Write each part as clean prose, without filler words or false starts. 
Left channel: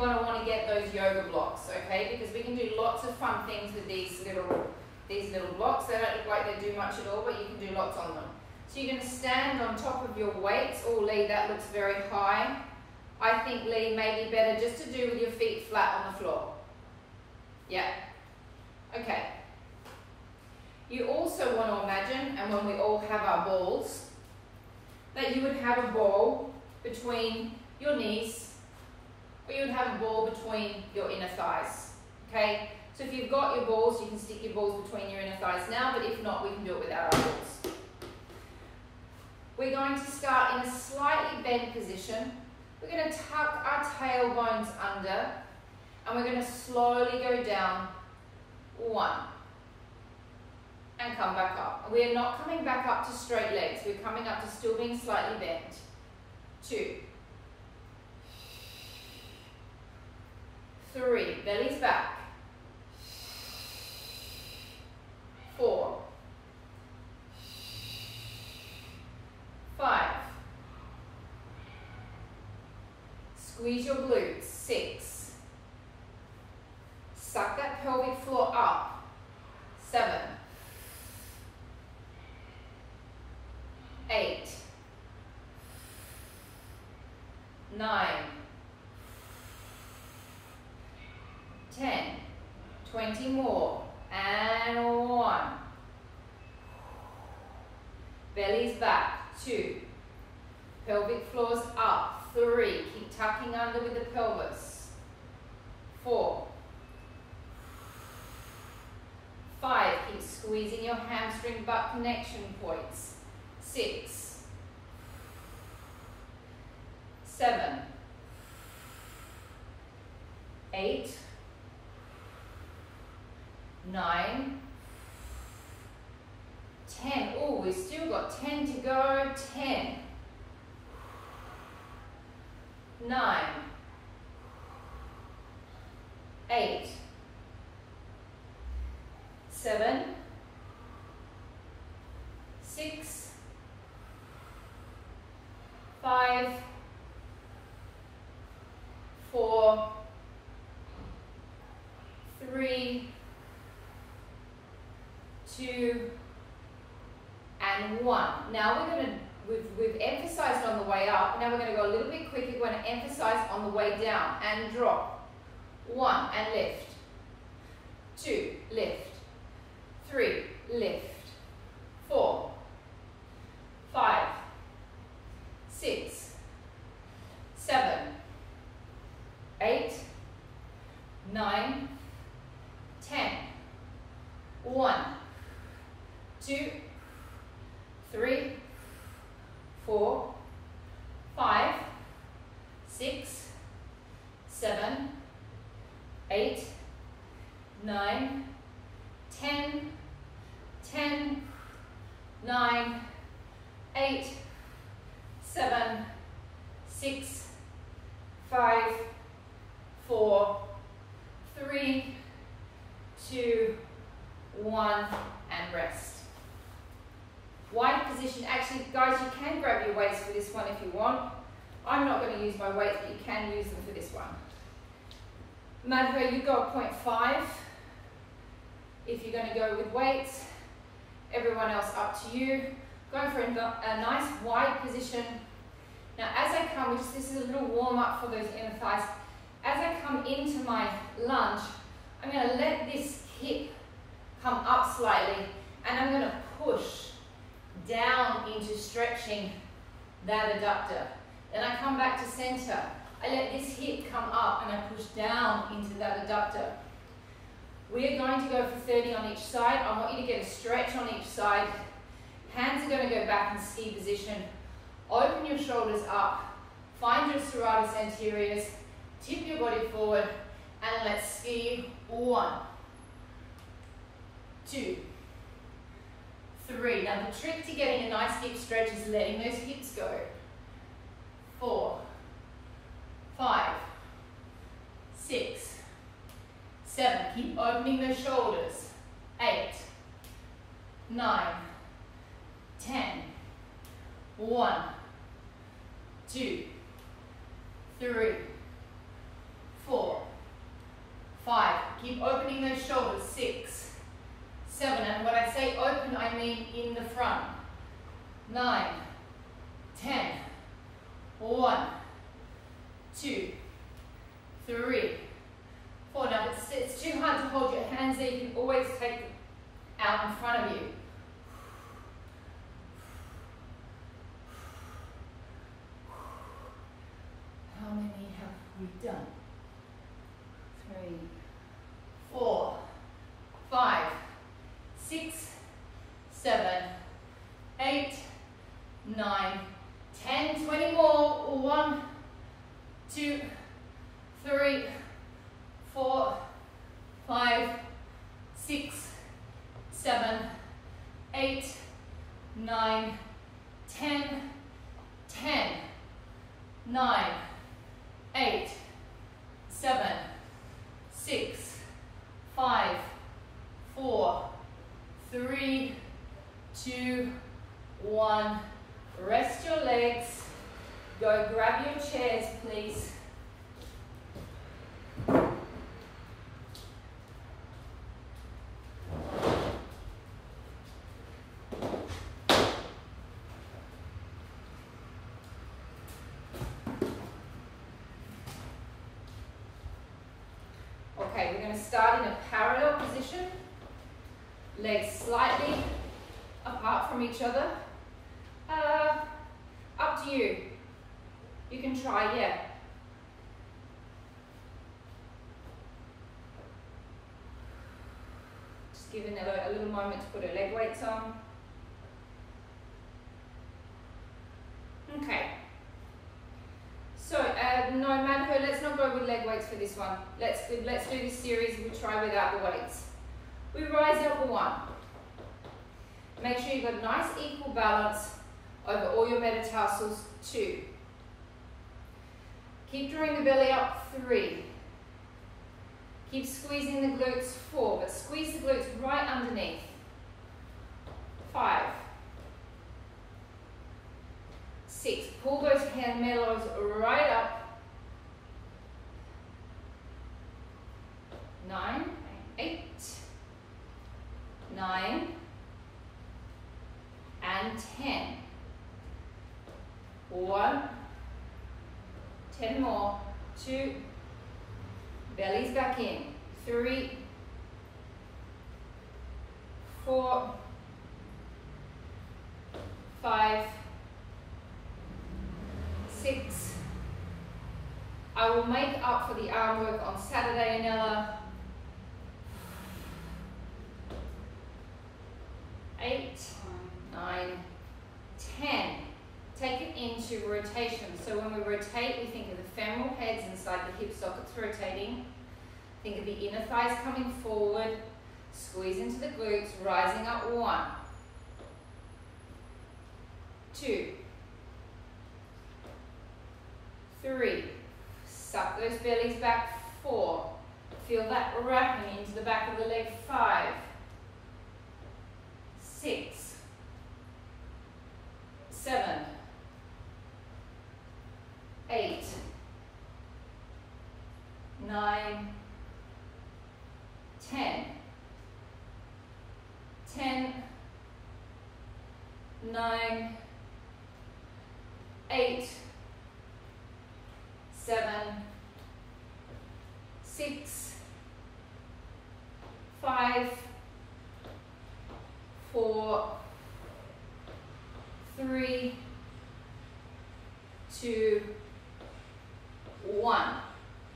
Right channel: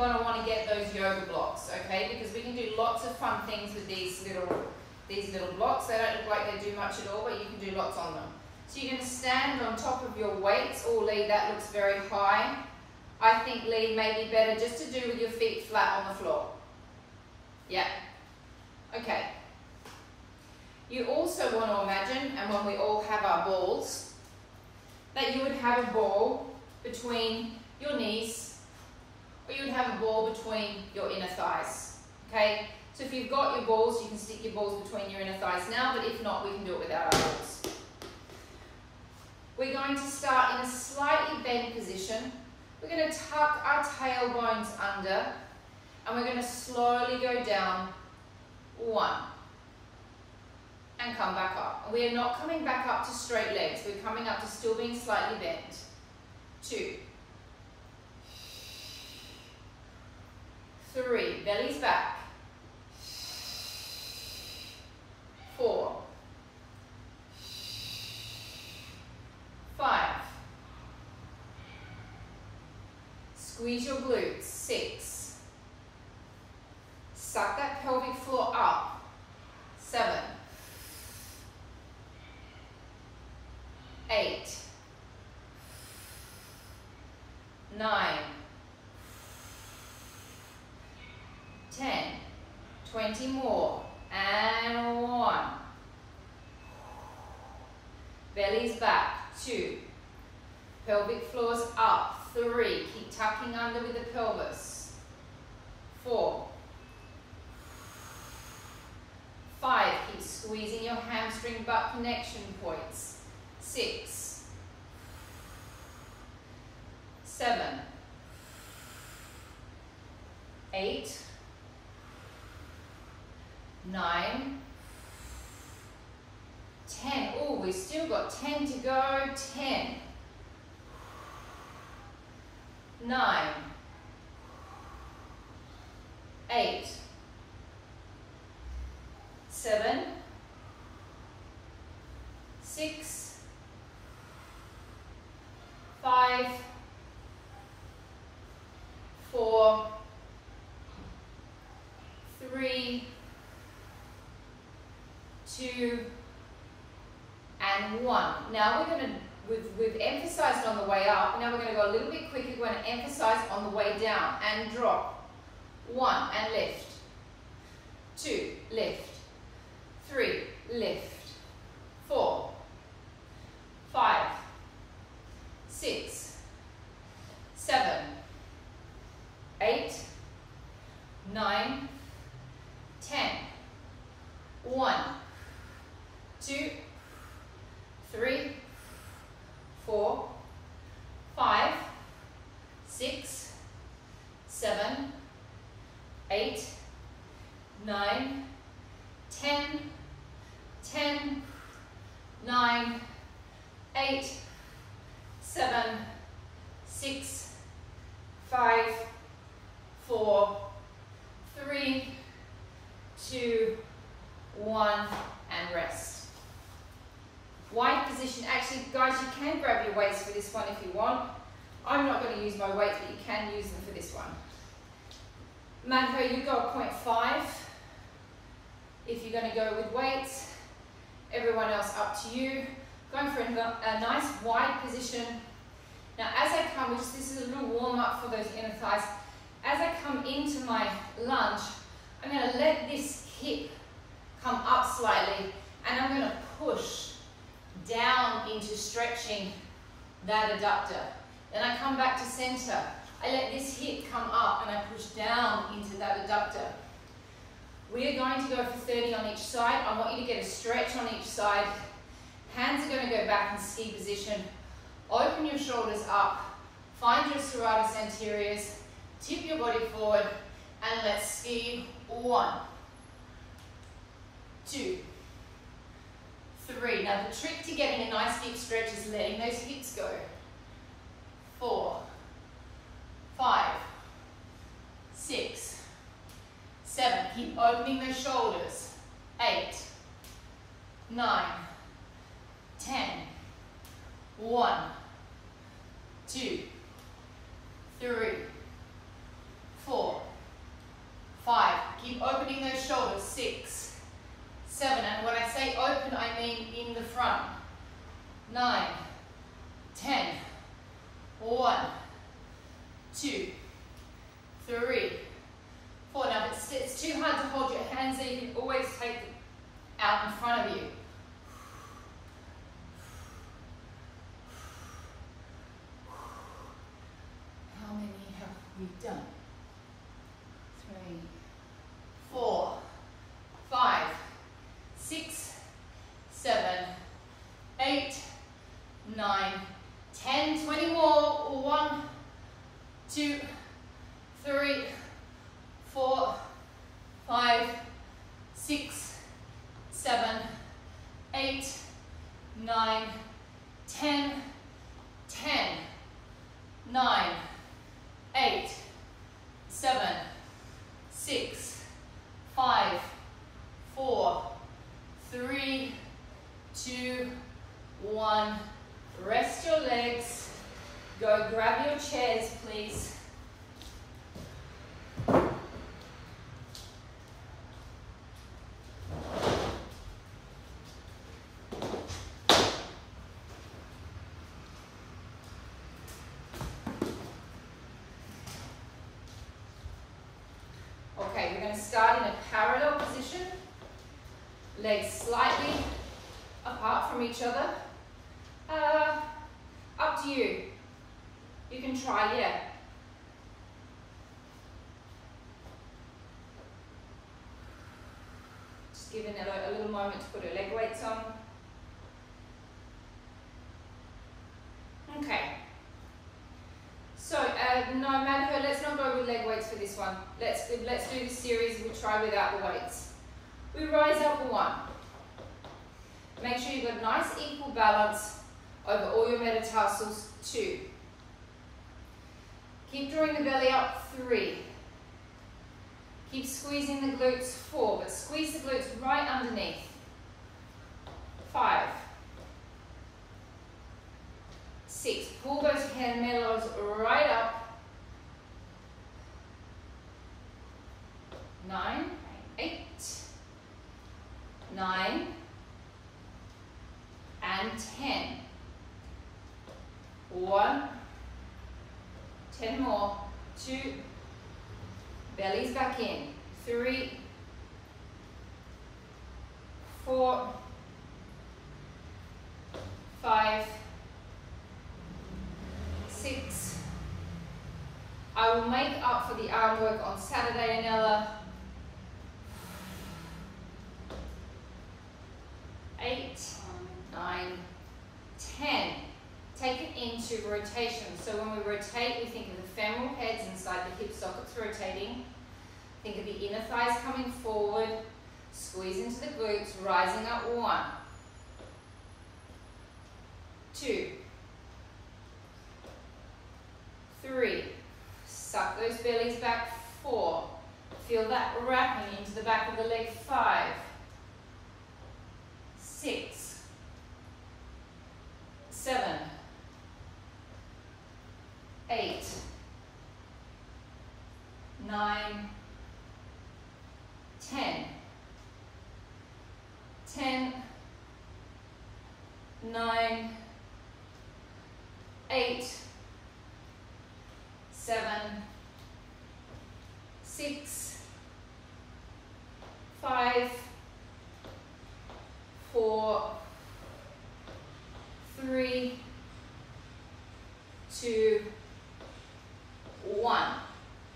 going to want to get those yoga blocks, okay? Because we can do lots of fun things with these little blocks. They don't look like they do much at all, but you can do lots on them. So you're going to stand on top of your weights. Oh, Lee, that looks very high. I think, Lee, may be better just to do with your feet flat on the floor. Yeah. Okay. You also want to imagine, and when we all have our balls, that you would have a ball between your knees, or you would have a ball between your inner thighs, okay? So if you've got your balls, you can stick your balls between your inner thighs now, but if not, we can do it without our balls. We're going to start in a slightly bent position. We're going to tuck our tailbones under, and we're going to slowly go down. 1. And come back up. We are not coming back up to straight legs. We're coming up to still being slightly bent. 2. 3. Belly's back. 4. 5. Squeeze your glutes. 6. Suck that pelvic floor up. 7. 8. 9. 10. 20 more. And 1. Belly's back. 2. Pelvic floors up. 3. Keep tucking under with the pelvis. 4. 5. Keep squeezing your hamstring butt connection points. 6. 7. 8. 9. 10. Oh, we've still got 10 to go. 10. 9. 8. 7. 6. 5. 4. 3. 2. And 1. Now we're going to, we've emphasized on the way up. Now we're going to go a little bit quicker. We're going to emphasize on the way down and drop. 1 and lift. 2, lift. 3, lift. 4, 5, 6, 7, 8, 9, 10. 1, 2, 3, 4, 5, 6, 7, 8, 9, 10, 10, 9, 8, 7, 6, 5, 4, 3, 2, 1, and rest. Wide position. Actually, guys, you can grab your weights for this one if you want. I'm not going to use my weights, but you can use them for this one. Madhu, you go 0.5 if you're going to go with weights. Everyone else up to you. Going for a nice wide position. Now as I come, this is a little warm up for those inner thighs. As I come into my lunge, I'm going to let this hip come up slightly, and I'm going to push down into stretching that adductor. Then I come back to center. I let this hip come up and I push down into that adductor. We are going to go for 30 on each side. I want you to get a stretch on each side. Hands are going to go back in ski position. Open your shoulders up. Find your serratus anteriors. Tip your body forward. And let's ski. 1, 2, 3. Now the trick to getting a nice deep stretch is letting those hips go. 4, 5, 6, 7. Keep opening those shoulders. 8, 9, 10. 1, 2, 3, 4, Keep opening those shoulders. 6, 7, and when I say open, I mean in the front. 9, 10, 1, 2, 3, 4. Now, if it's too hard to hold your hands there, you can always take them out in front of you. How many have we done? 3, 4, 5, 6, 7, 8, 9, 10, 20 more. 1, 2, 3, 4, 5, 6, 7, 8, 9, 10, 10, 9, 8, 7, 6, 5, 4, 3, 2, 1. Rest your legs. Go grab your chairs, please. Okay, we're going to start in a parallel position. Legs slightly apart from each other. Up to you. You can try, yeah. Just give Nella a little moment to put her leg weights on. Okay. So, no, Madhu, let's not go with leg weights for this one. Let's do this series, we try without the weights. We rise up 1. Make sure you've got nice equal balance over all your metatarsals. 2. Keep drawing the belly up. 3. Keep squeezing the glutes. 4, but squeeze the glutes right underneath. 5. 6. Pull those gemelos right up. 9, 8, 9, and 10. 1, 10 more. 2, bellies back in. 3, 4, 5, 6. I will make up for the arm work on Saturday, Anella. 8, 9, 10. Take it into rotation. So when we rotate, we think of the femoral heads inside the hip sockets rotating. Think of the inner thighs coming forward. Squeeze into the glutes, rising up. 1, 2, 3. Suck those bellies back. 4. Feel that wrapping into the back of the leg. 5, 6, 7, 8, 9, 10, 10, 9, 8, 7, 6, 5, 4, 3, 2, 1.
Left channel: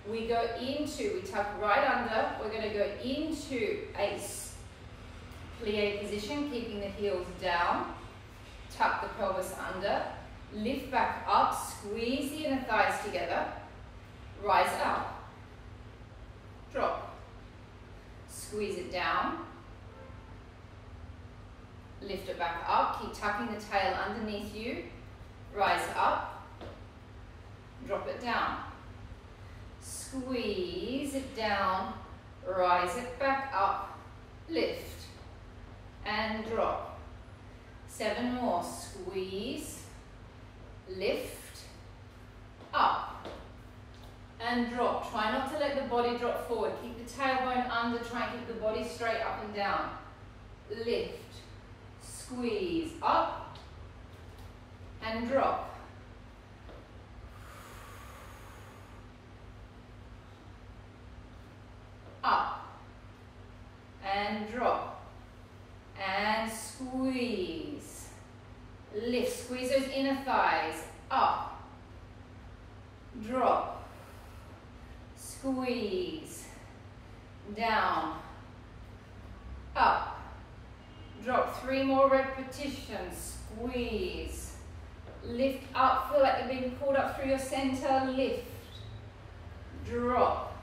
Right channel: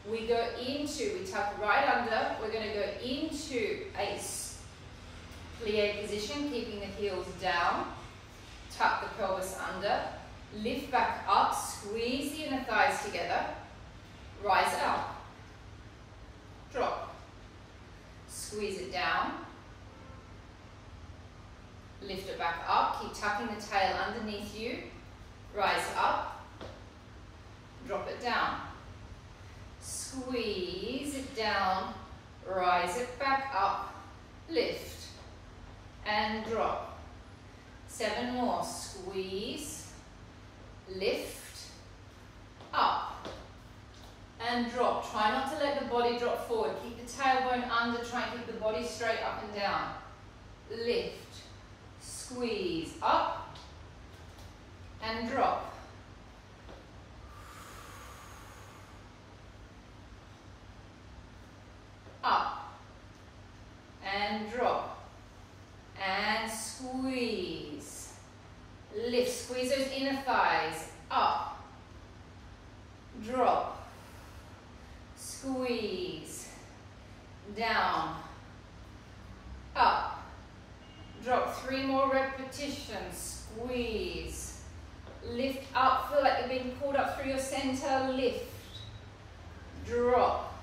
We go into, we tuck right under, we're going to go into a plie position, keeping the heels down, tuck the pelvis under, lift back up, squeeze the inner thighs together, rise up, drop, squeeze it down, lift it back up, keep tucking the tail underneath you, rise up, drop it down, squeeze it down, rise it back up, lift, and drop. 7 more, squeeze, lift, up, and drop. Try not to let the body drop forward. Keep the tailbone under, try and keep the body straight up and down. Lift, squeeze, up, and drop. Up, and drop, and squeeze. Lift, squeeze those inner thighs, up, drop, squeeze, down, up, drop. 3 more repetitions, squeeze, lift up, feel like you're being pulled up through your center, lift, drop,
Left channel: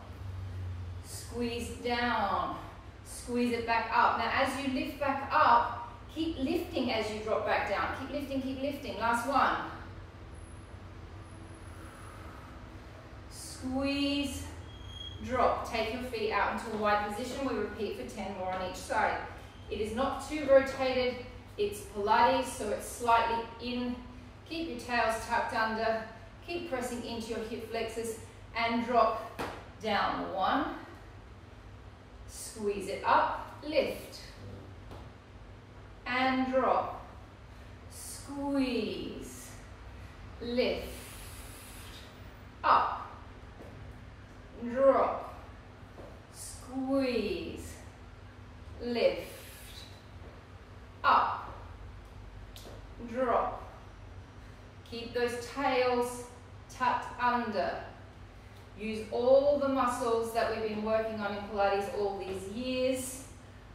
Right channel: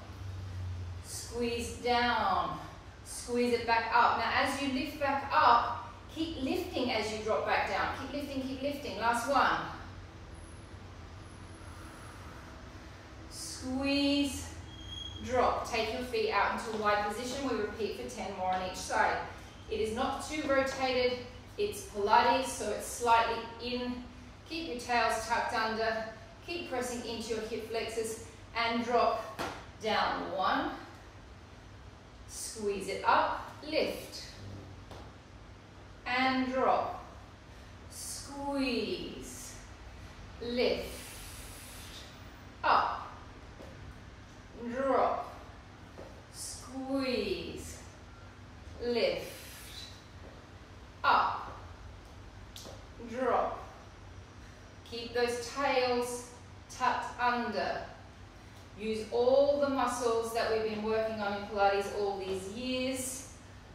squeeze down, squeeze it back up. Now as you lift back up, keep lifting as you drop back down. Keep lifting, keep lifting. Last one. Squeeze, drop. Take your feet out into a wide position. We repeat for 10 more on each side. It is not too rotated. It's Pilates, so it's slightly in. Keep your tails tucked under. Keep pressing into your hip flexors and drop down. 1. Squeeze it up, lift, and drop, squeeze, lift, up, drop, squeeze, lift, up, drop. Keep those tails tucked under. Use all the muscles that we've been working on in Pilates all these years.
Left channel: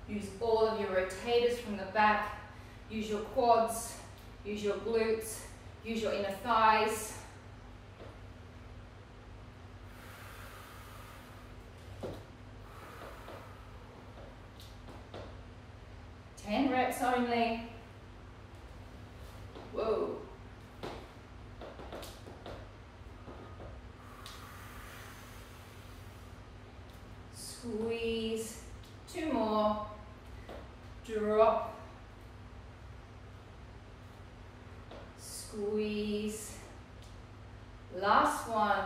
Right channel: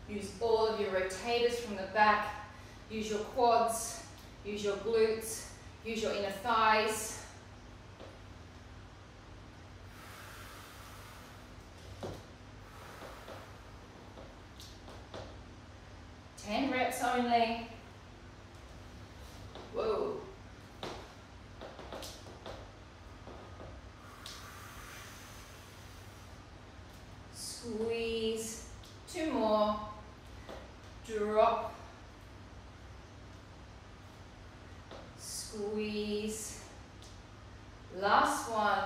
Use all of your rotators from the back. Use your quads, use your glutes, use your inner thighs. Ten reps only. Whoa. Squeeze, 2 more, drop, squeeze, last one,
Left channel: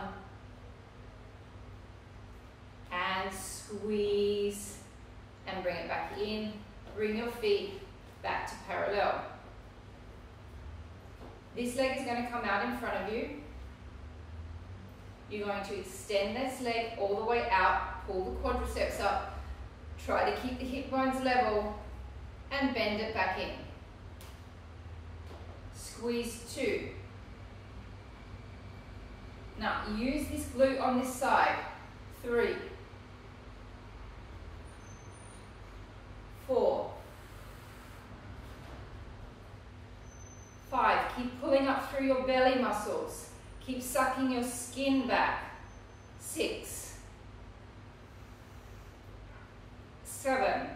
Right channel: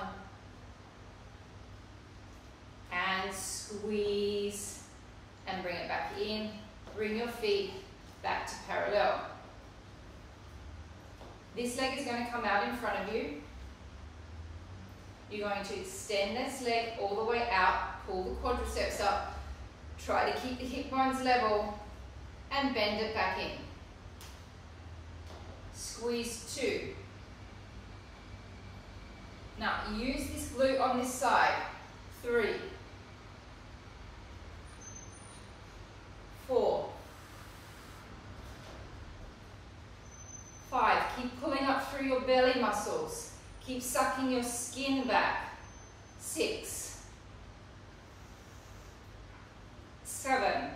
and squeeze, and bring it back in, bring your feet back to parallel. This leg is going to come out in front of you. You're going to extend this leg all the way out. Pull the quadriceps up, try to keep the hip bones level, and bend it back in. Squeeze 2. Now use this glute on this side. 3, 4, 5. Keep pulling up through your belly muscles. Keep sucking your skin back. 6, 7,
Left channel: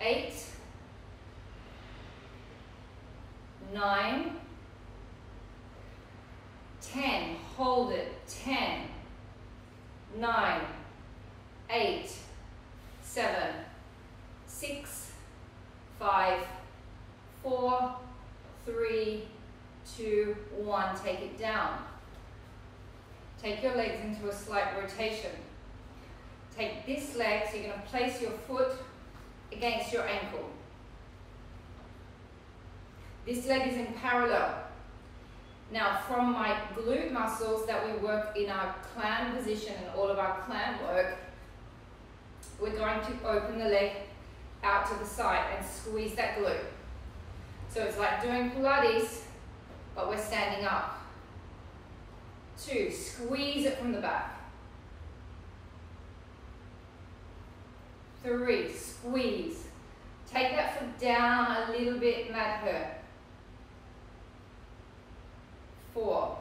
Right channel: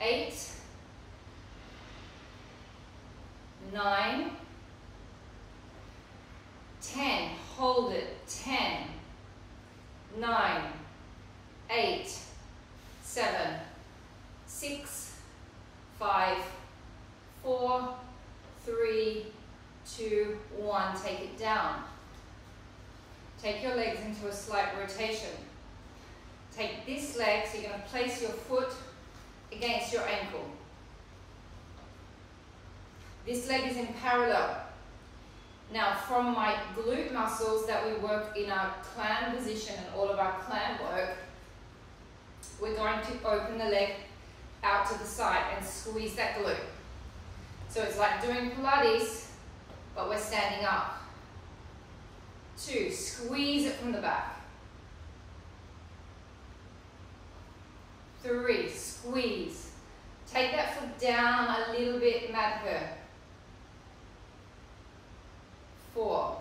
8, 9, 10. Hold it. 10, 9, 8, 7, 6, 5, 4, 3, 2, 1. Take it down. Take your legs into a slight rotation. Take this leg, so you're going to place your foot against your ankle. This leg is in parallel. Now from my glute muscles that we work in our clam position and all of our clam work, we're going to open the leg out to the side and squeeze that glute. So it's like doing Pilates, but we're standing up. 2, squeeze it from the back. 3, squeeze. Take that foot down a little bit, Madhur. 4,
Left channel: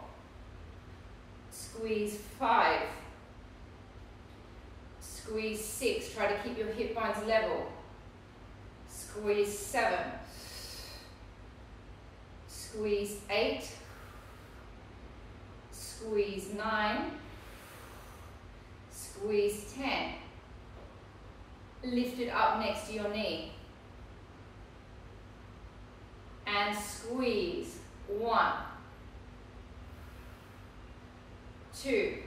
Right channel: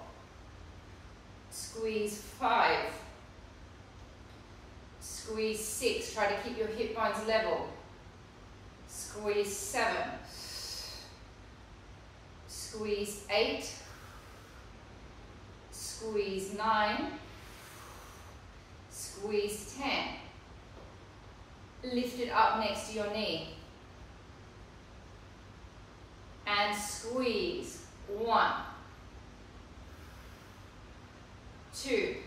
squeeze 5, squeeze 6, try to keep your hip bones level. Squeeze 7, squeeze 8, squeeze 9, squeeze 10. Lift it up next to your knee. And squeeze. 1, 2.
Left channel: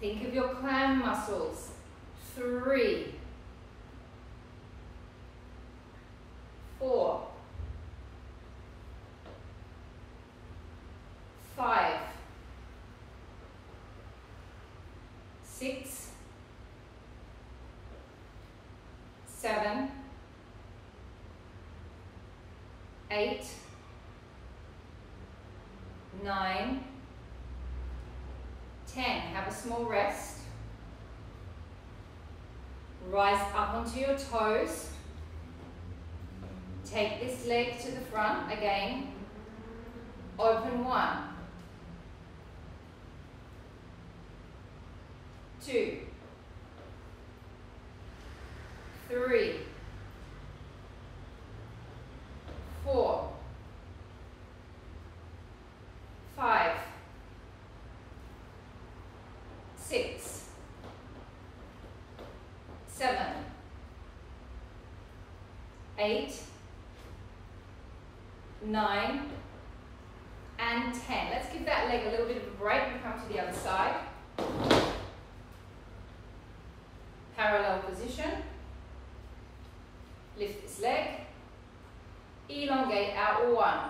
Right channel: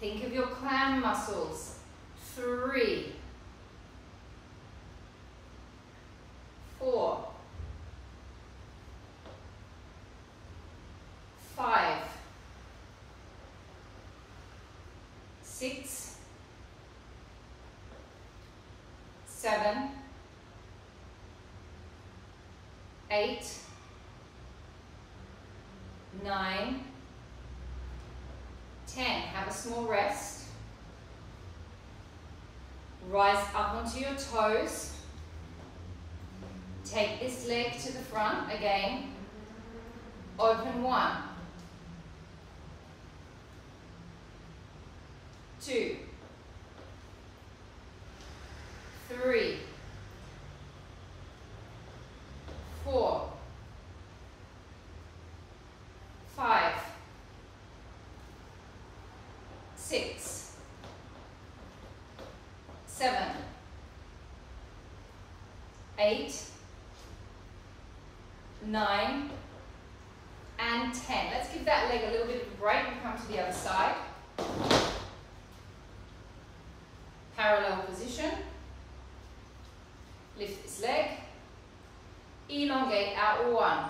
Think of your clam muscles. 3. 4. 5. 6. 7. 8. 9. 10. Have a small rest. Rise up onto your toes. Take this leg to the front again. Open 1. 2. 3. 4. 5. 6. 7. 8. 9. And 10. Let's give that leg a little bit of a break and come to the other side. Parallel position. Lift this leg. Elongate out 1.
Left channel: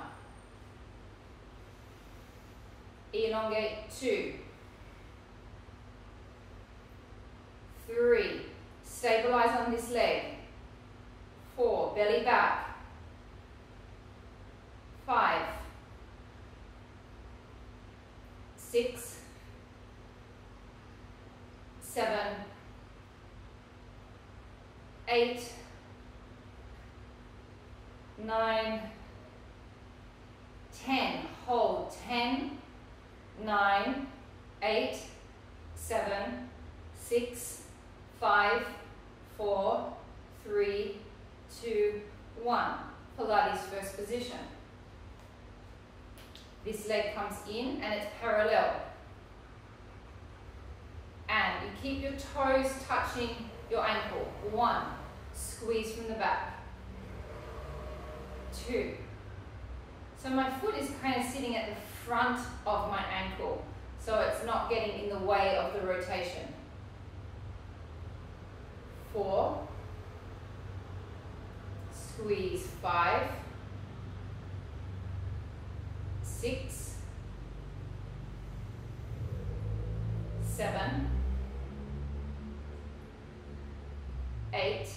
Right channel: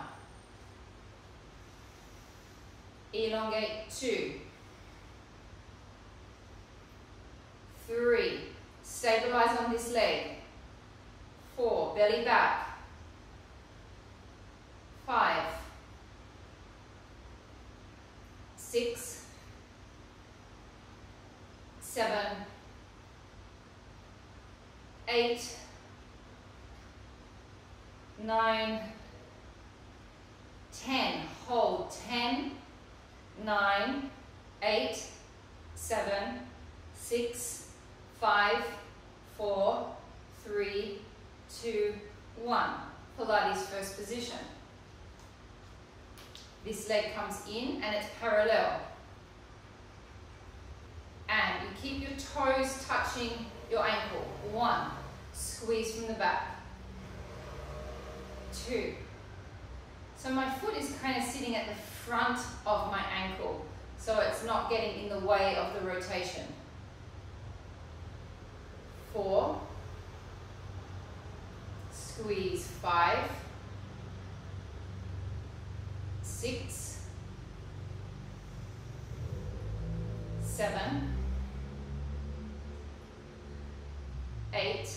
Elongate 2. 3. Stabilize on this leg. 4. Belly back. 5. 6. 7. 8. 9. 10. Hold. 10. 9. 8. 7. 6. 5. 4. 3. 2. 1. Pilates first position. This leg comes in and it's parallel. And you keep your toes touching your ankle. 1. Squeeze from the back. 2. So my foot is kind of sitting at the front of my ankle, so it's not getting in the way of the rotation. 4. Squeeze. 5. 6. 7. 8.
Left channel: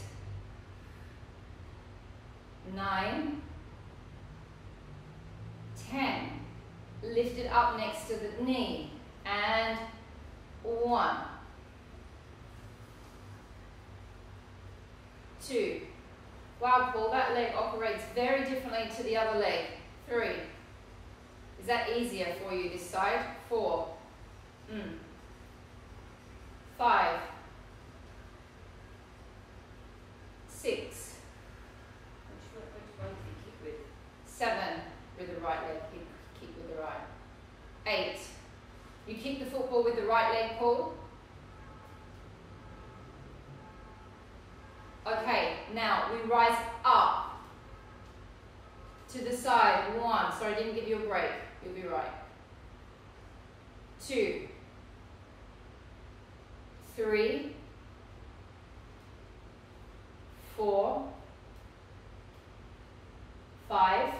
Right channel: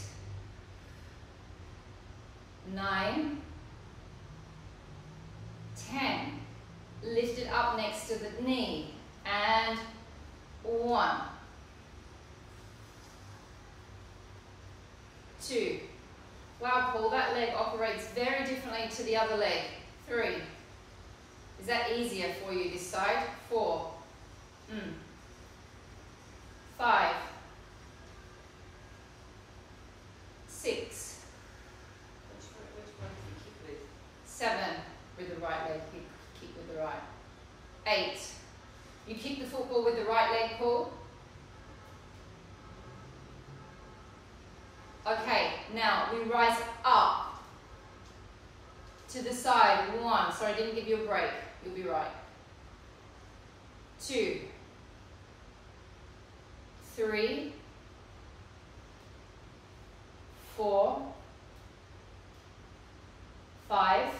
9. 10. Lift it up next to the knee. And 1. 2. Wow, Paul, that leg operates very differently to the other leg. 3. Is that easier for you this side? 4. 5. 6. Which one do you kick with? 7. With the right leg, kick with the right. 8. You kick the football with the right leg, Paul. Okay, now we rise up to the side. 1. Sorry, I didn't give you a break. You'll be right. 2. 3. 4. 5.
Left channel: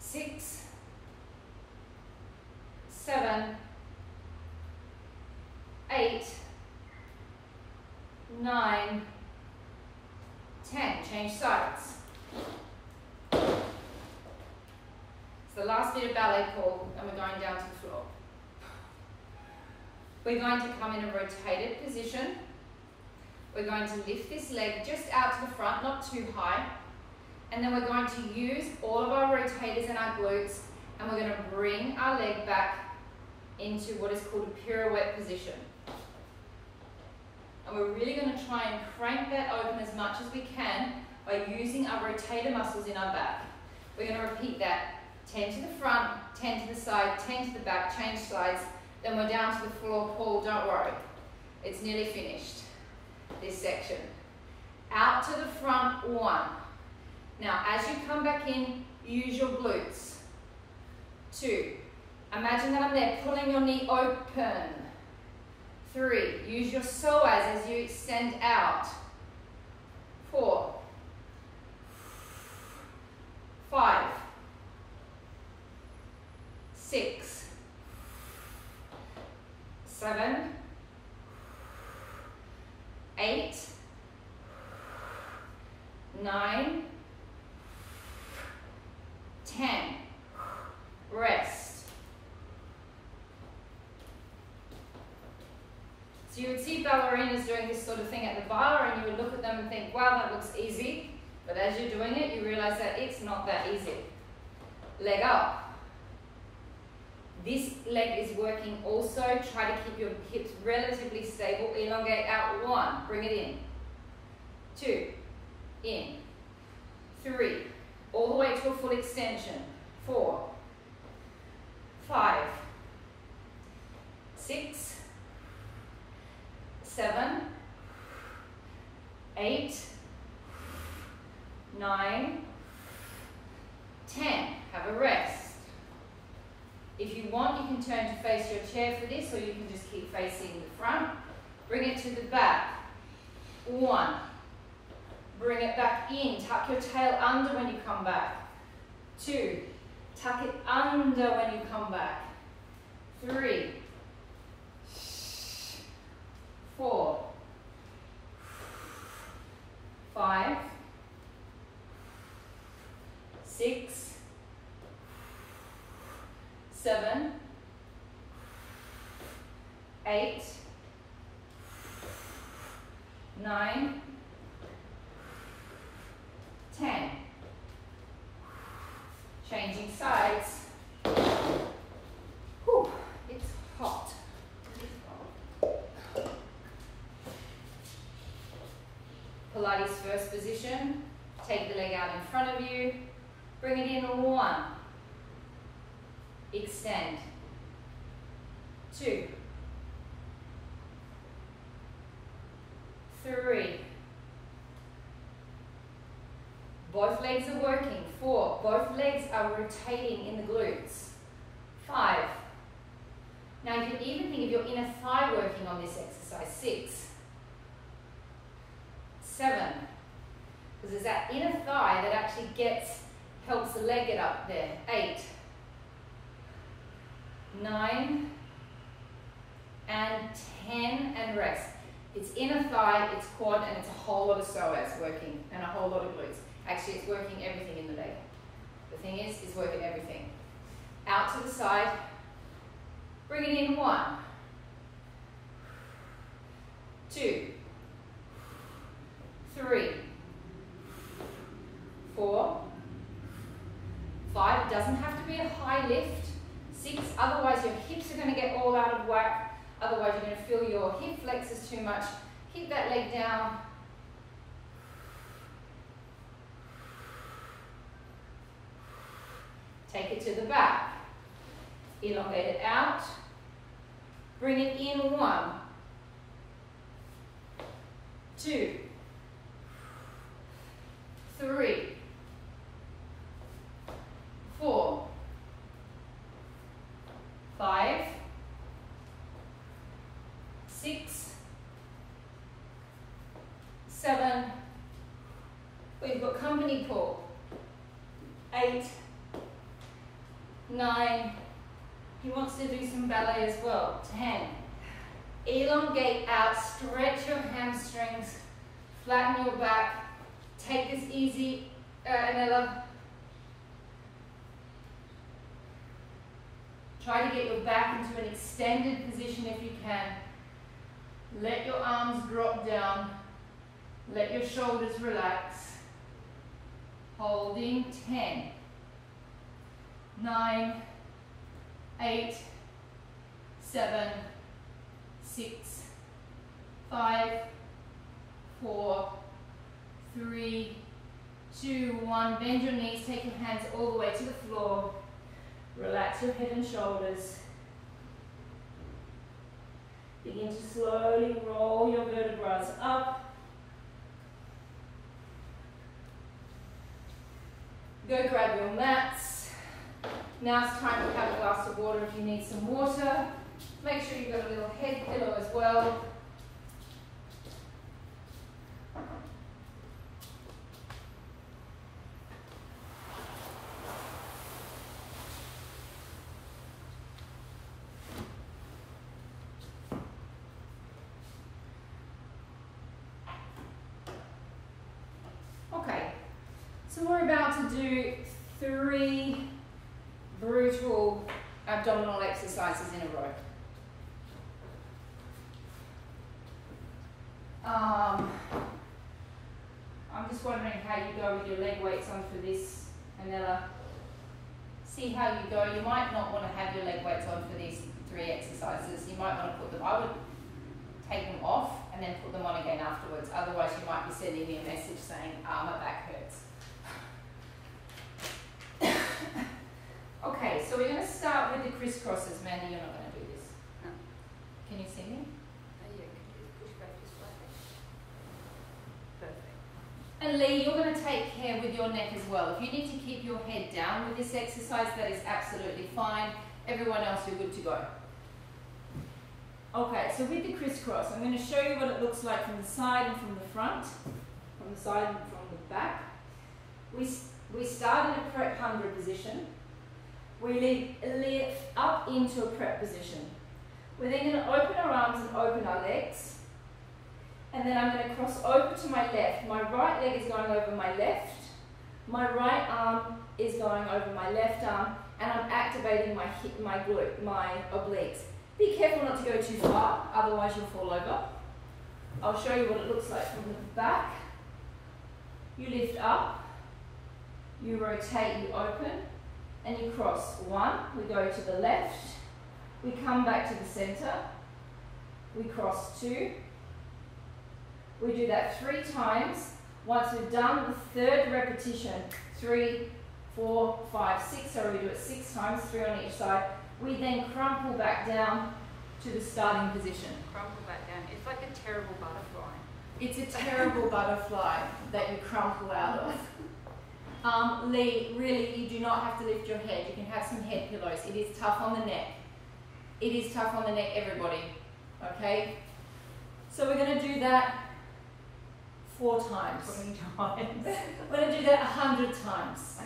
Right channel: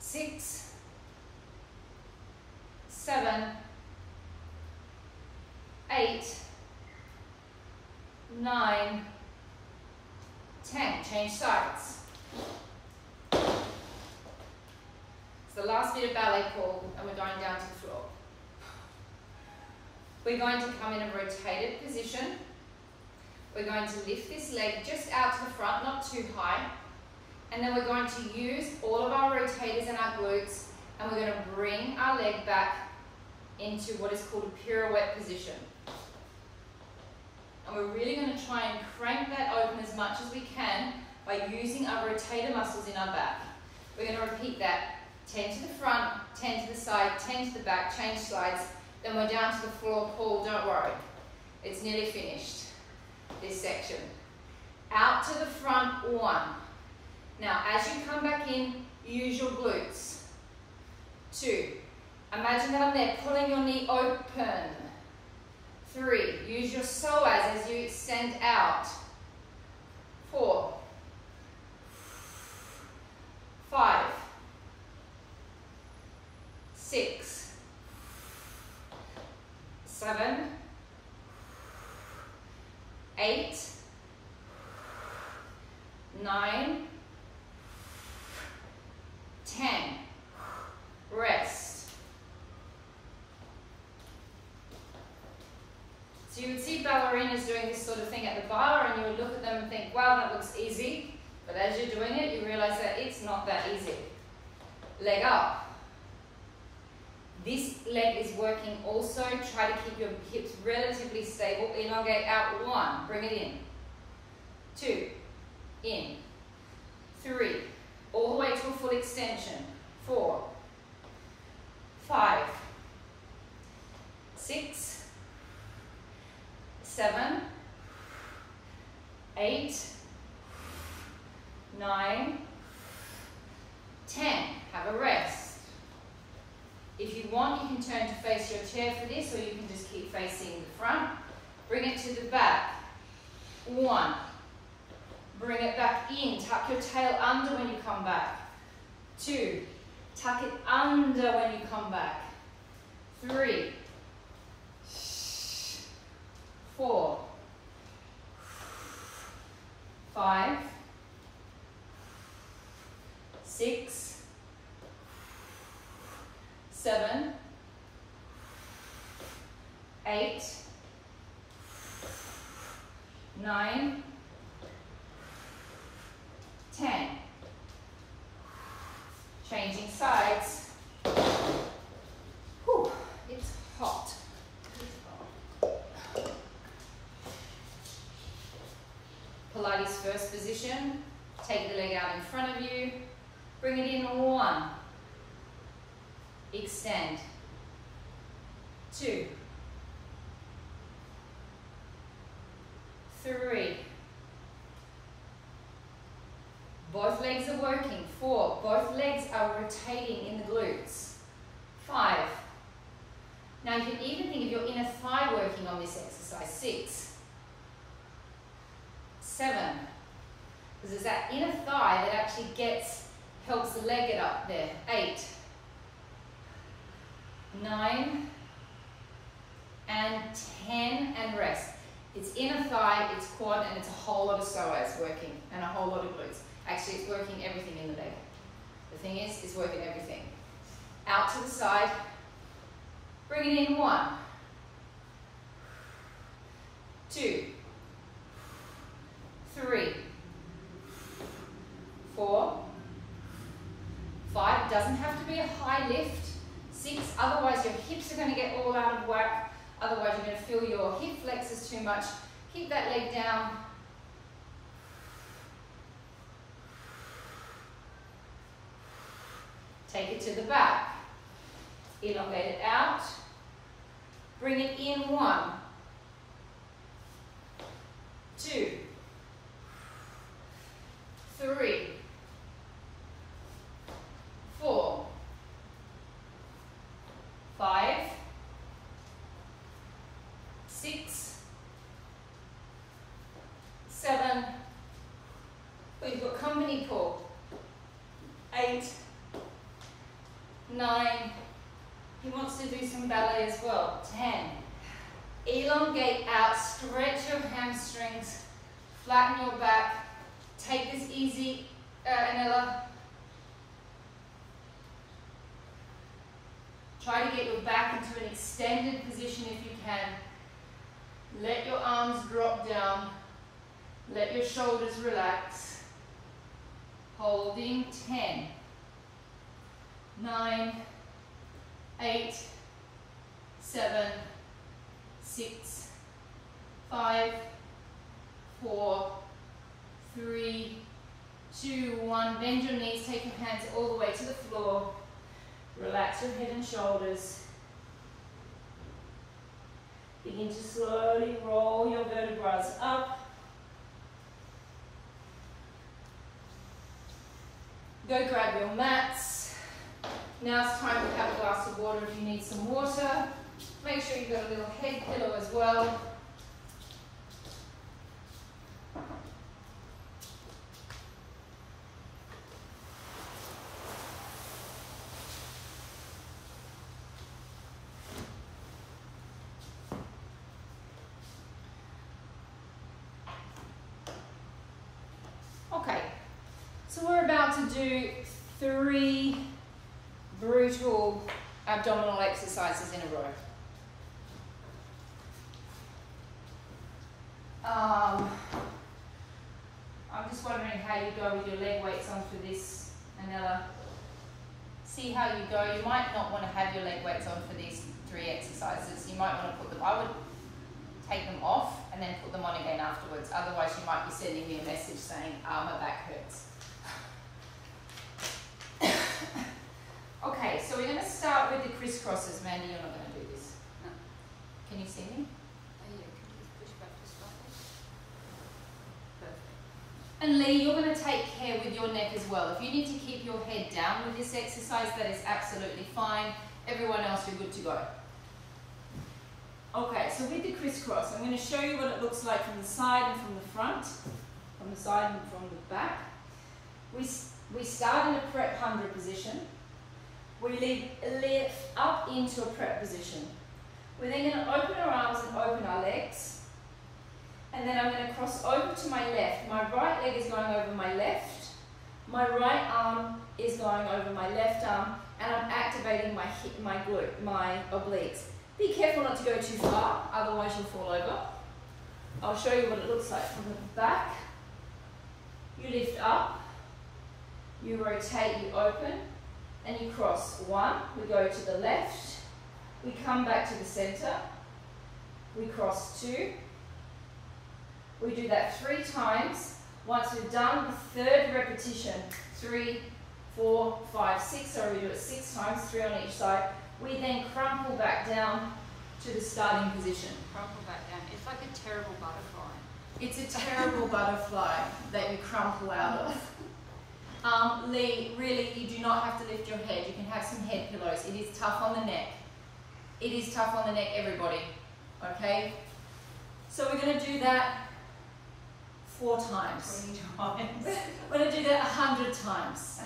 6. 7. 8. 9. 10. Change sides. It's the last bit of ballet, Paul, and we're going down to the floor. We're going to come in a rotated position. We're going to lift this leg just out to the front, not too high. And then we're going to use all of our rotators and our glutes, and we're going to bring our leg back into what is called a pirouette position. And we're really going to try and crank that open as much as we can by using our rotator muscles in our back. We're going to repeat that 10 to the front, 10 to the side, 10 to the back, change sides. Then we're down to the floor. Paul, don't worry. It's nearly finished, this section. Out to the front, 1. Now, as you come back in, use your glutes. 2. Imagine that I'm there, pulling your knee open. 3, use your psoas as you extend out. 4, 5, 6, 7, 8, 9, 10. Rest. So you would see ballerinas doing this sort of thing at the bar and you would look at them and think, wow, that looks easy. But as you're doing it, you realize that it's not that easy. Leg up. This leg is working also. Try to keep your hips relatively stable. Elongate out. 1. Bring it in. 2. In. 3. All the way to a full extension. 4. 5. 6. 7. 8. 9. 10. Have a rest. If you want, you can turn to face your chair for this, or you can just keep facing the front. Bring it to the back. 1. Bring it back in. Tuck your tail under when you come back. 2. Tuck it under when you come back. 3. 4. 5. 6. 7. 8. 9. 10. Changing sides. Whew, it's hot. Pilates first position. Take the leg out in front of you. Bring it in. 1. Extend. 2. 3. Both legs are working. 4. Both legs are rotating in the glutes. 5. Now you can even think of your inner thigh working on this exercise. 6. 7. Because it's that inner thigh that actually helps the leg get up there. 8. 9. And 10 and rest. It's inner thigh, it's quad, and it's a whole lot of psoas working and a whole lot of glutes. Actually, it's working everything in the leg. The thing is, it's working everything. Out to the side. Bring it in. 1. 2. 3. 4. 5. Doesn't have to be a high lift. 6. Otherwise, your hips are going to get all out of whack. Otherwise, you're going to feel your hip flexors too much. Keep that leg down. Take it to the back. Elongate it out. Bring it in. 1. 2. 3. 4. 5. 6. 7. We've got company pull. 8. 9. He wants to do some ballet as well. 10. Elongate out, stretch your hamstrings, flatten your back. Take this easy, Anela. Try to get your back into an extended position if you can. Let your arms drop down. Let your shoulders relax. Holding. 10. 9, 8, 7, 6, 5, 4, 3, 2, 1. Bend your knees, take your hands all the way to the floor. Relax your head and shoulders. Begin to slowly roll your vertebrae up. Go grab your mats. Now it's time to have a glass of water if you need some water. Make sure you've got a little head pillow as well. Okay, so we're about to do 3 brutal abdominal exercises in a row. I'm just wondering how you go with your leg weights on for this, Anella. See how you go. You might not want to have your leg weights on for these 3 exercises. You might want to put them, I would take them off and then put them on again afterwards. Otherwise you might be sending me a message saying, my back hurts. Okay, so we're going to start with the crisscrosses. Mandy, you're not going to do this. No. Can you see me? Oh yeah, can you push back this slightly? Perfect. And Lee, you're going to take care with your neck as well. If you need to keep your head down with this exercise, that is absolutely fine. Everyone else, you're good to go. Okay, so with the crisscross, I'm going to show you what it looks like from the side and from the front, from the side and from the back. We start in a prep 100 position. We lift up into a prep position. We're then going to open our arms and open our legs. And then I'm going to cross over to my left. My right leg is going over my left. My right arm is going over my left arm. And I'm activating my hip, my glute, my obliques. Be careful not to go too far, otherwise you'll fall over. I'll show you what it looks like from the back. You lift up, you rotate, you open, and you cross. 1, we go to the left, we come back to the center, we cross 2, we do that 3 times. Once we've done the 3rd repetition, 3, 4, 5, 6, so we do it 6 times, 3 on each side. We then crumple back down to the starting position. Crumple back down. It's like a terrible butterfly. It's a terrible butterfly that you crumple out of. Lee, really, you do not have to lift your head. You can have some head pillows. It is tough on the neck. It is tough on the neck, everybody. Okay? So we're going to do that 4 times. 20 times. We're going to do that 100 times.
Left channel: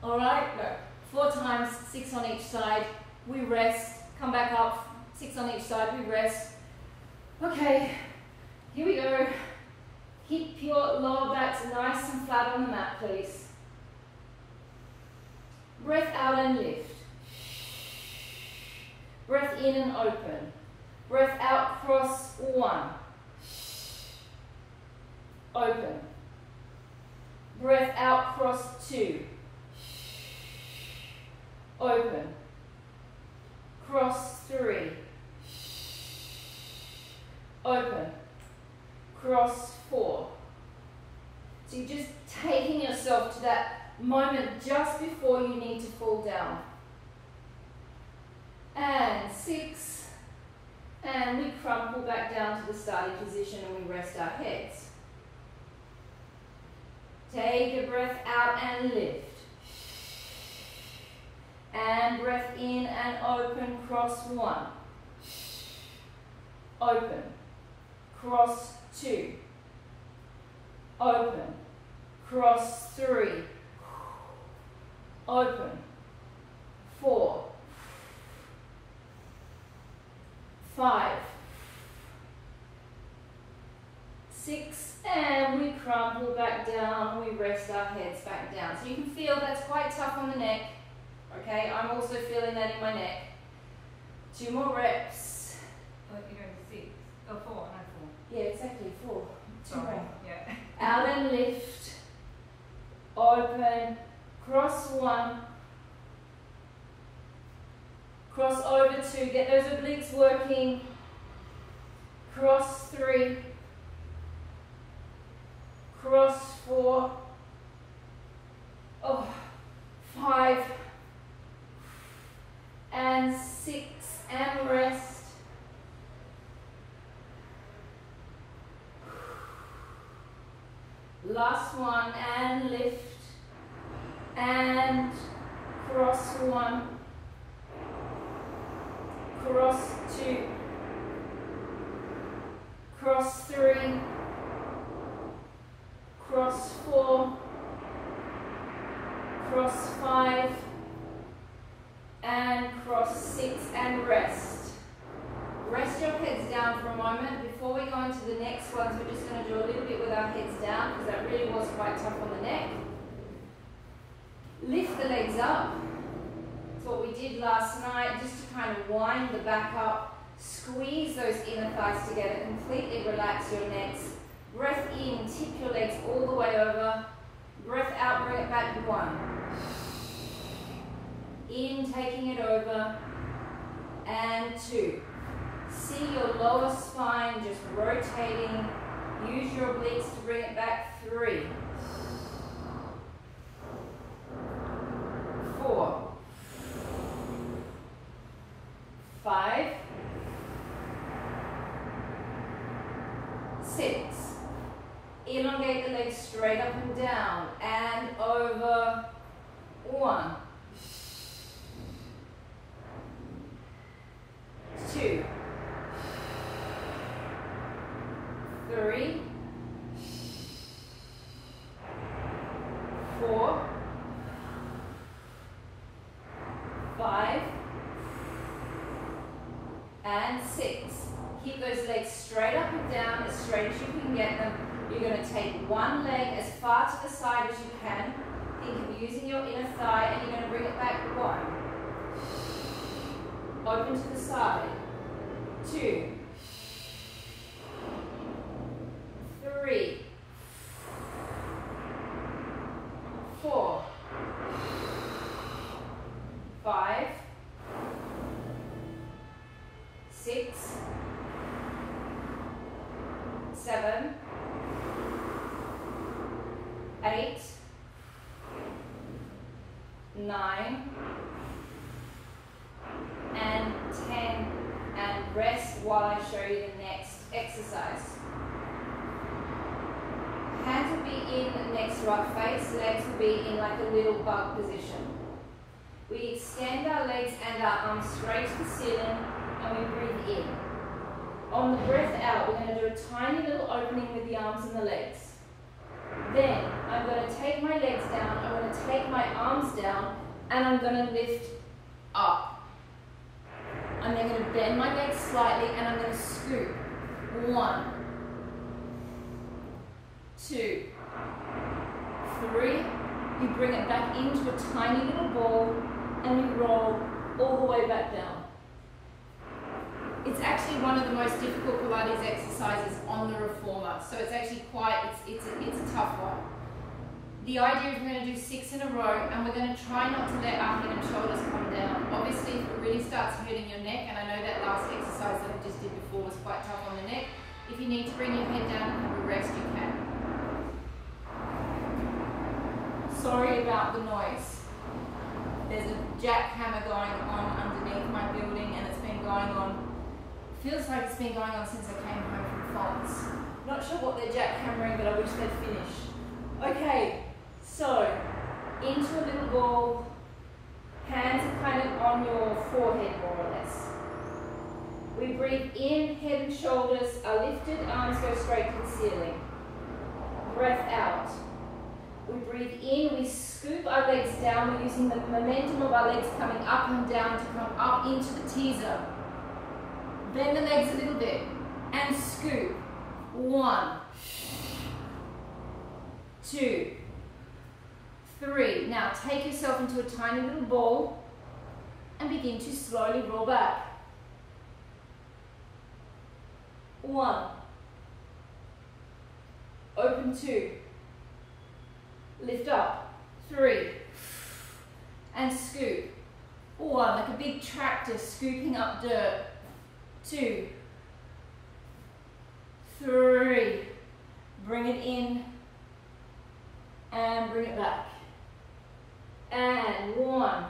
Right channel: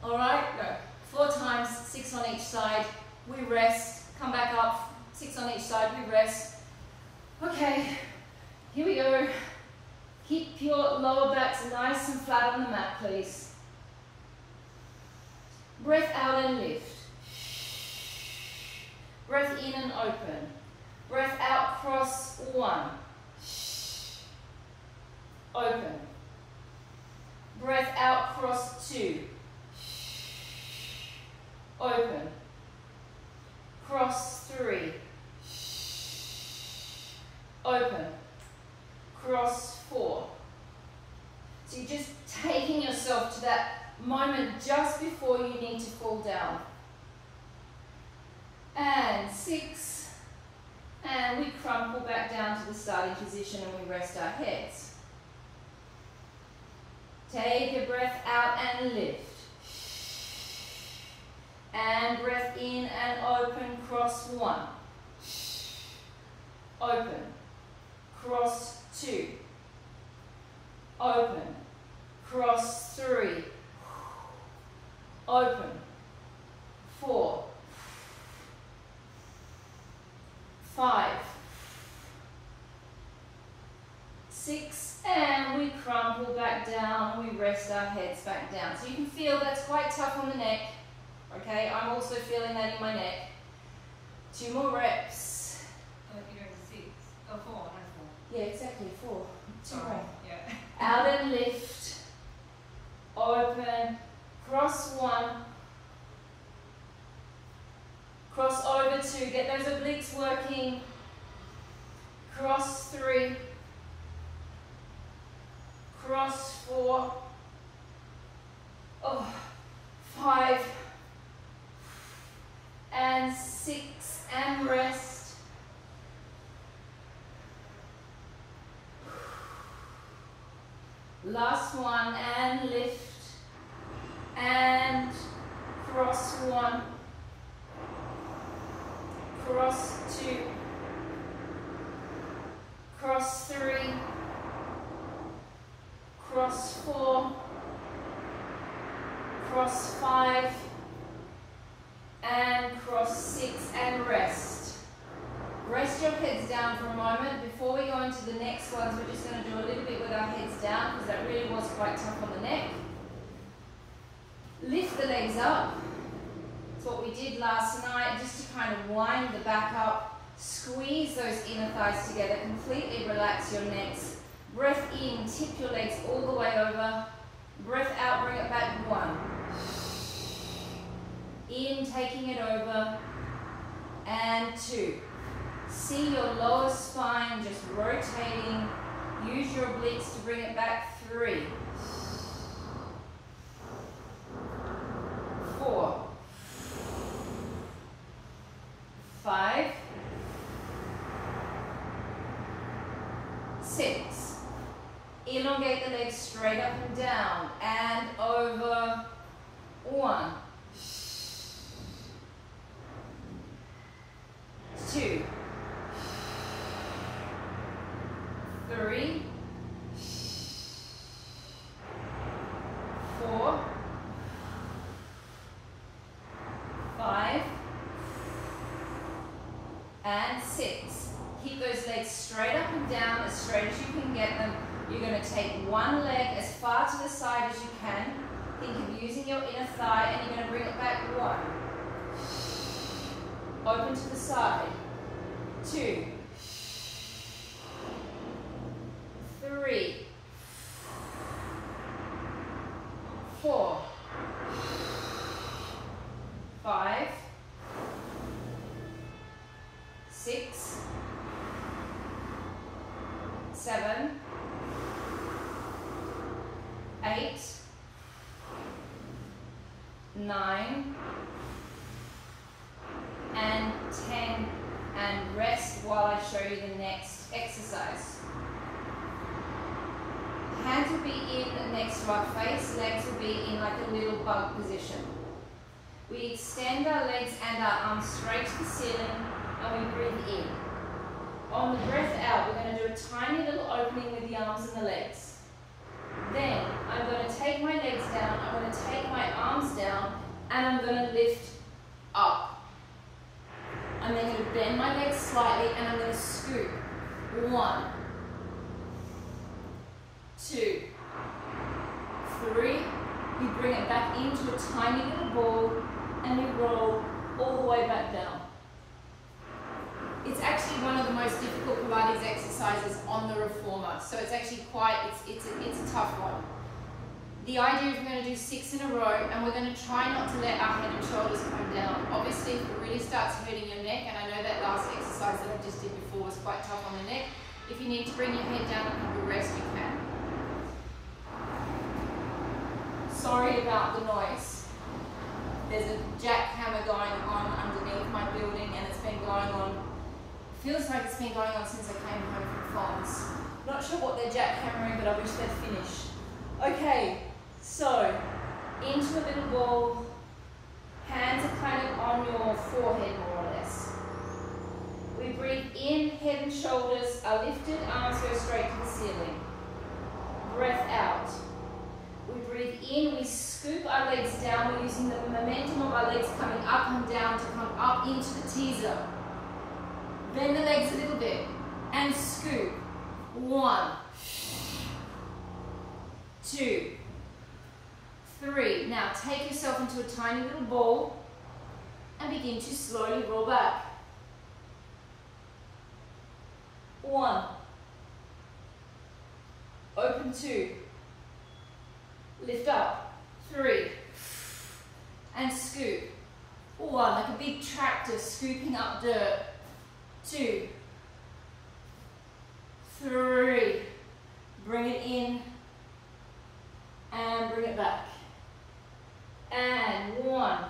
All right? No. 4 times, 6 on each side. We rest, come back up, 6 on each side, we rest. Okay, here we go. Keep your lower backs nice and flat on the mat, please. Breath out and lift. Breath in and open. Breath out, cross 1. Open. Breath out, cross 2. Open. Cross 3. Open. Cross 4. So you're just taking yourself to that moment just before you need to fall down. And 6. And we crumple back down to the starting position and we rest our heads. Take a breath out and lift. And breath in and open, cross 1. Open. Cross 2. Open. Cross 3. Open. 4. 5. 6. And we crumple back down and we rest our heads back down. So you can feel that's quite tough on the neck. Okay, I'm also feeling that in my neck. 2 more reps. I think you're doing 6. Oh, 4, no 4. Yeah, exactly, 4. 2 Sorry, more. yeah. Out and lift. Open. Cross 1. Cross over 2. Get those obliques working. Cross 3. Cross 4. Oh, 5. And 6, and rest. Last one, and lift, and cross 1, cross 2, cross 3, cross 4, cross 5, and cross 6, and rest. Rest your heads down for a moment. Before we go into the next ones, we're just going to do a little bit with our heads down because that really was quite tough on the neck. Lift the legs up. That's what we did last night, just to kind of wind the back up. Squeeze those inner thighs together. Completely relax your necks. Breath in, tip your legs all the way over. Breath out, bring it back. 1. In, taking it over. And 2. See your lower spine just rotating. Use your obliques to bring it back. 3. 4. 5. 6. Elongate the legs straight up and down and over. 1. 2. 3. 4. 5. And 6. Keep those legs straight up and down, as straight as you can get them. You're going to take one leg as far to the side as you can. Think of using your inner thigh, and you're going to bring it back. 1. Open to the side. 2. 3. 4. 5. 6. 7. 8. 9. And 10. And rest while I show you the next exercise. Hands will be in next to our face, legs will be in like a little bug position. We extend our legs and our arms straight to the ceiling, and we breathe in. On the breath out, we're going to do a tiny little opening with the arms and the legs. Then I'm going to take my legs down, I'm going to take my arms down, and I'm going to lift up. I'm then going to bend my legs slightly, and I'm going to scoop. 1, 2, 3. You bring it back into a tiny little ball, and you roll all the way back down. It's actually one of the most difficult Pilates exercises on the reformer, so it's actually it's a tough one. The idea is we're going to do 6 in a row, and we're going to try not to let our head and shoulders come down. Obviously, if it really starts hurting your neck, and I know that last exercise that I just did before was quite tough on the neck, if you need to bring your head down and have a rest, you can. Sorry about the noise. There's a jackhammer going on underneath my building, and it's been going on. Feels like it's been going on since I came home from Fonz. Not sure what they're jackhammering, but I wish they'd finish. Okay, so into a little ball. Hands are kind of on your forehead, more or less. We breathe in, head and shoulders are lifted, arms go straight to the ceiling. Breath out. We breathe in, we scoop our legs down. We're using the momentum of our legs coming up and down to come up into the teaser. Bend the legs a little bit and scoop. 1, 2, 3. Now take yourself into a tiny little ball and begin to slowly roll back. 1. Open 2. Lift up. 3. And scoop. 1. Like a big tractor scooping up dirt. 2, 3, bring it in and bring it back, and 1,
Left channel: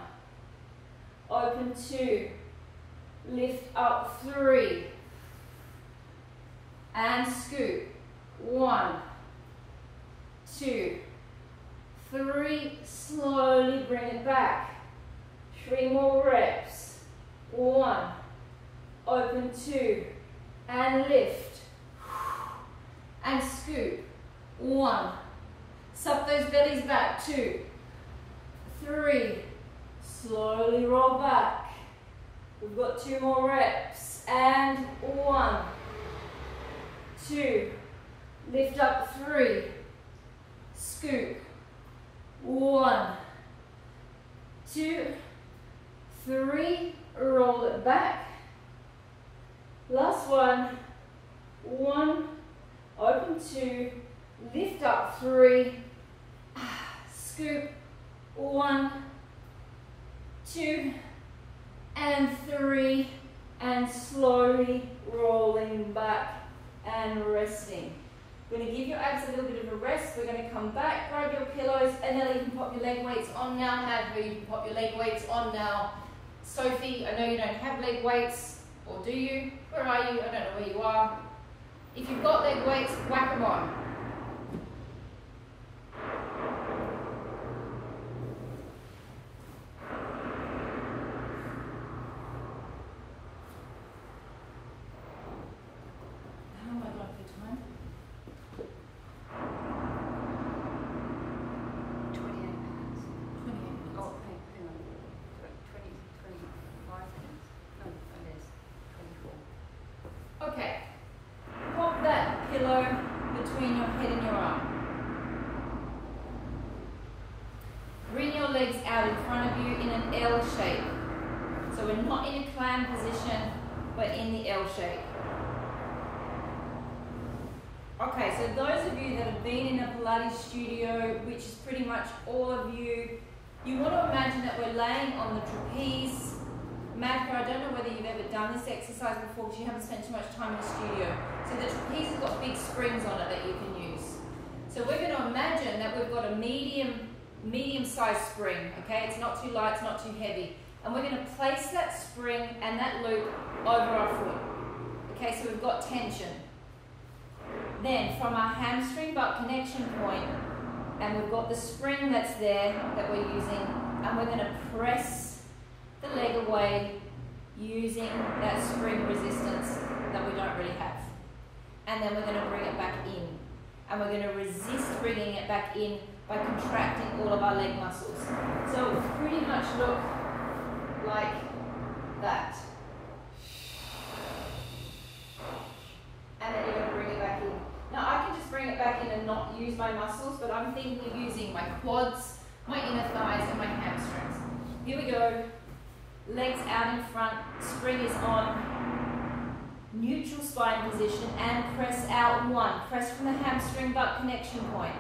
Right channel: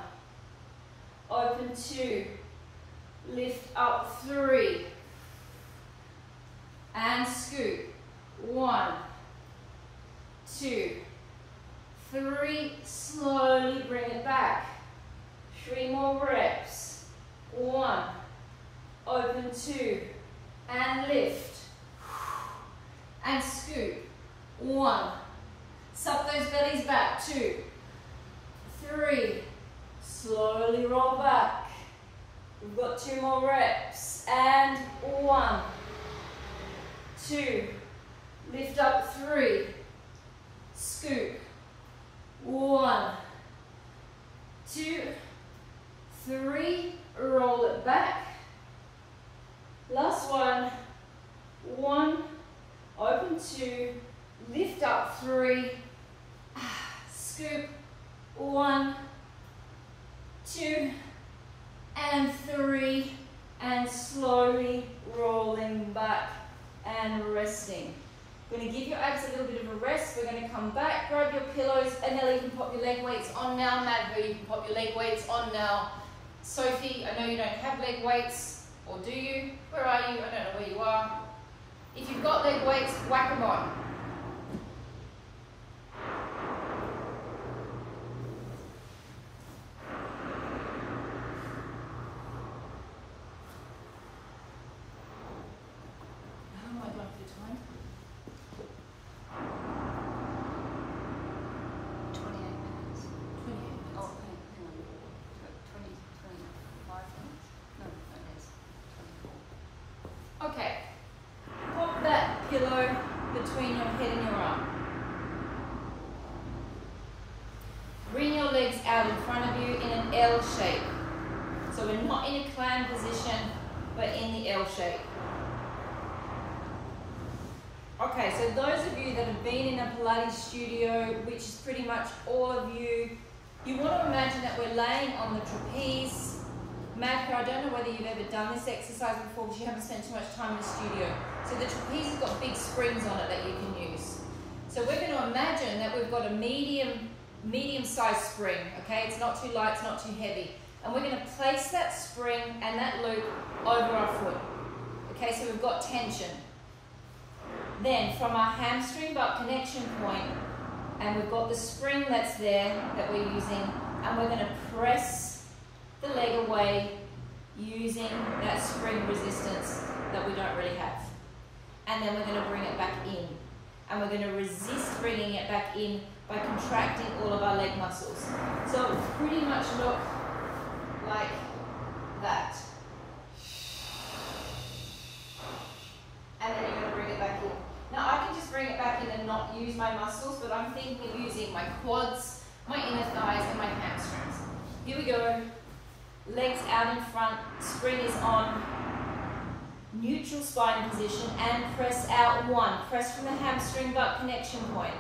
open 2, lift up 3, and scoop. 1, 2, 3, slowly bring it back. 3 more reps. 1, 2, and lift, and scoop, 1, suck those bellies back, 2, 3, slowly roll back, we've got 2 more reps, and 1, 2, lift up, 3, scoop, 1, 2, 3, roll it back, last one, 1, open 2, lift up, 3, scoop, 1, 2, and 3, and slowly rolling back and resting. We're going to give your abs a little bit of a rest. We're going to come back, grab your pillows, and then you can pop your leg weights on now. Madhu, you can pop your leg weights on now. Sophie, I know you don't have leg weights, or do you? Where are you? I don't know where you are. If you've got leg weights, whack them on. How am I going for time? 28 minutes. 28 minutes. Oh, hang on. 25 minutes? No, it is 24. Okay. Pop that pillow between your head and your arm. Bring your legs out in front of you in an L shape. So we're not in a clam position, but in the L shape. Okay, so those of you that have been in a Pilates studio, which is pretty much all of you, you want to imagine that we're laying on the trapeze. Madka, I don't know whether you've ever done this exercise before because you haven't spent too much time in the studio. So the trapeze has got big springs on it that you can use. So we're going to imagine that we've got a medium-sized spring, okay? It's not too light, it's not too heavy. And we're going to place that spring and that loop over our foot. Okay, so we've got tension. Then from our hamstring butt connection point, and we've got the spring that's there that we're using, and we're going to press the leg away using that spring resistance that we don't really have. And then we're going to bring it back in. And we're going to resist bringing it back in by contracting all of our leg muscles. So it will pretty much look like that. And then you're going to bring it back in. Now I can just bring it back in and not use my muscles, but I'm thinking of using my quads, my inner thighs, and my hamstrings. Here we go. Legs out in front, spring is on, neutral spine position, and press out 1. Press from the hamstring butt connection point.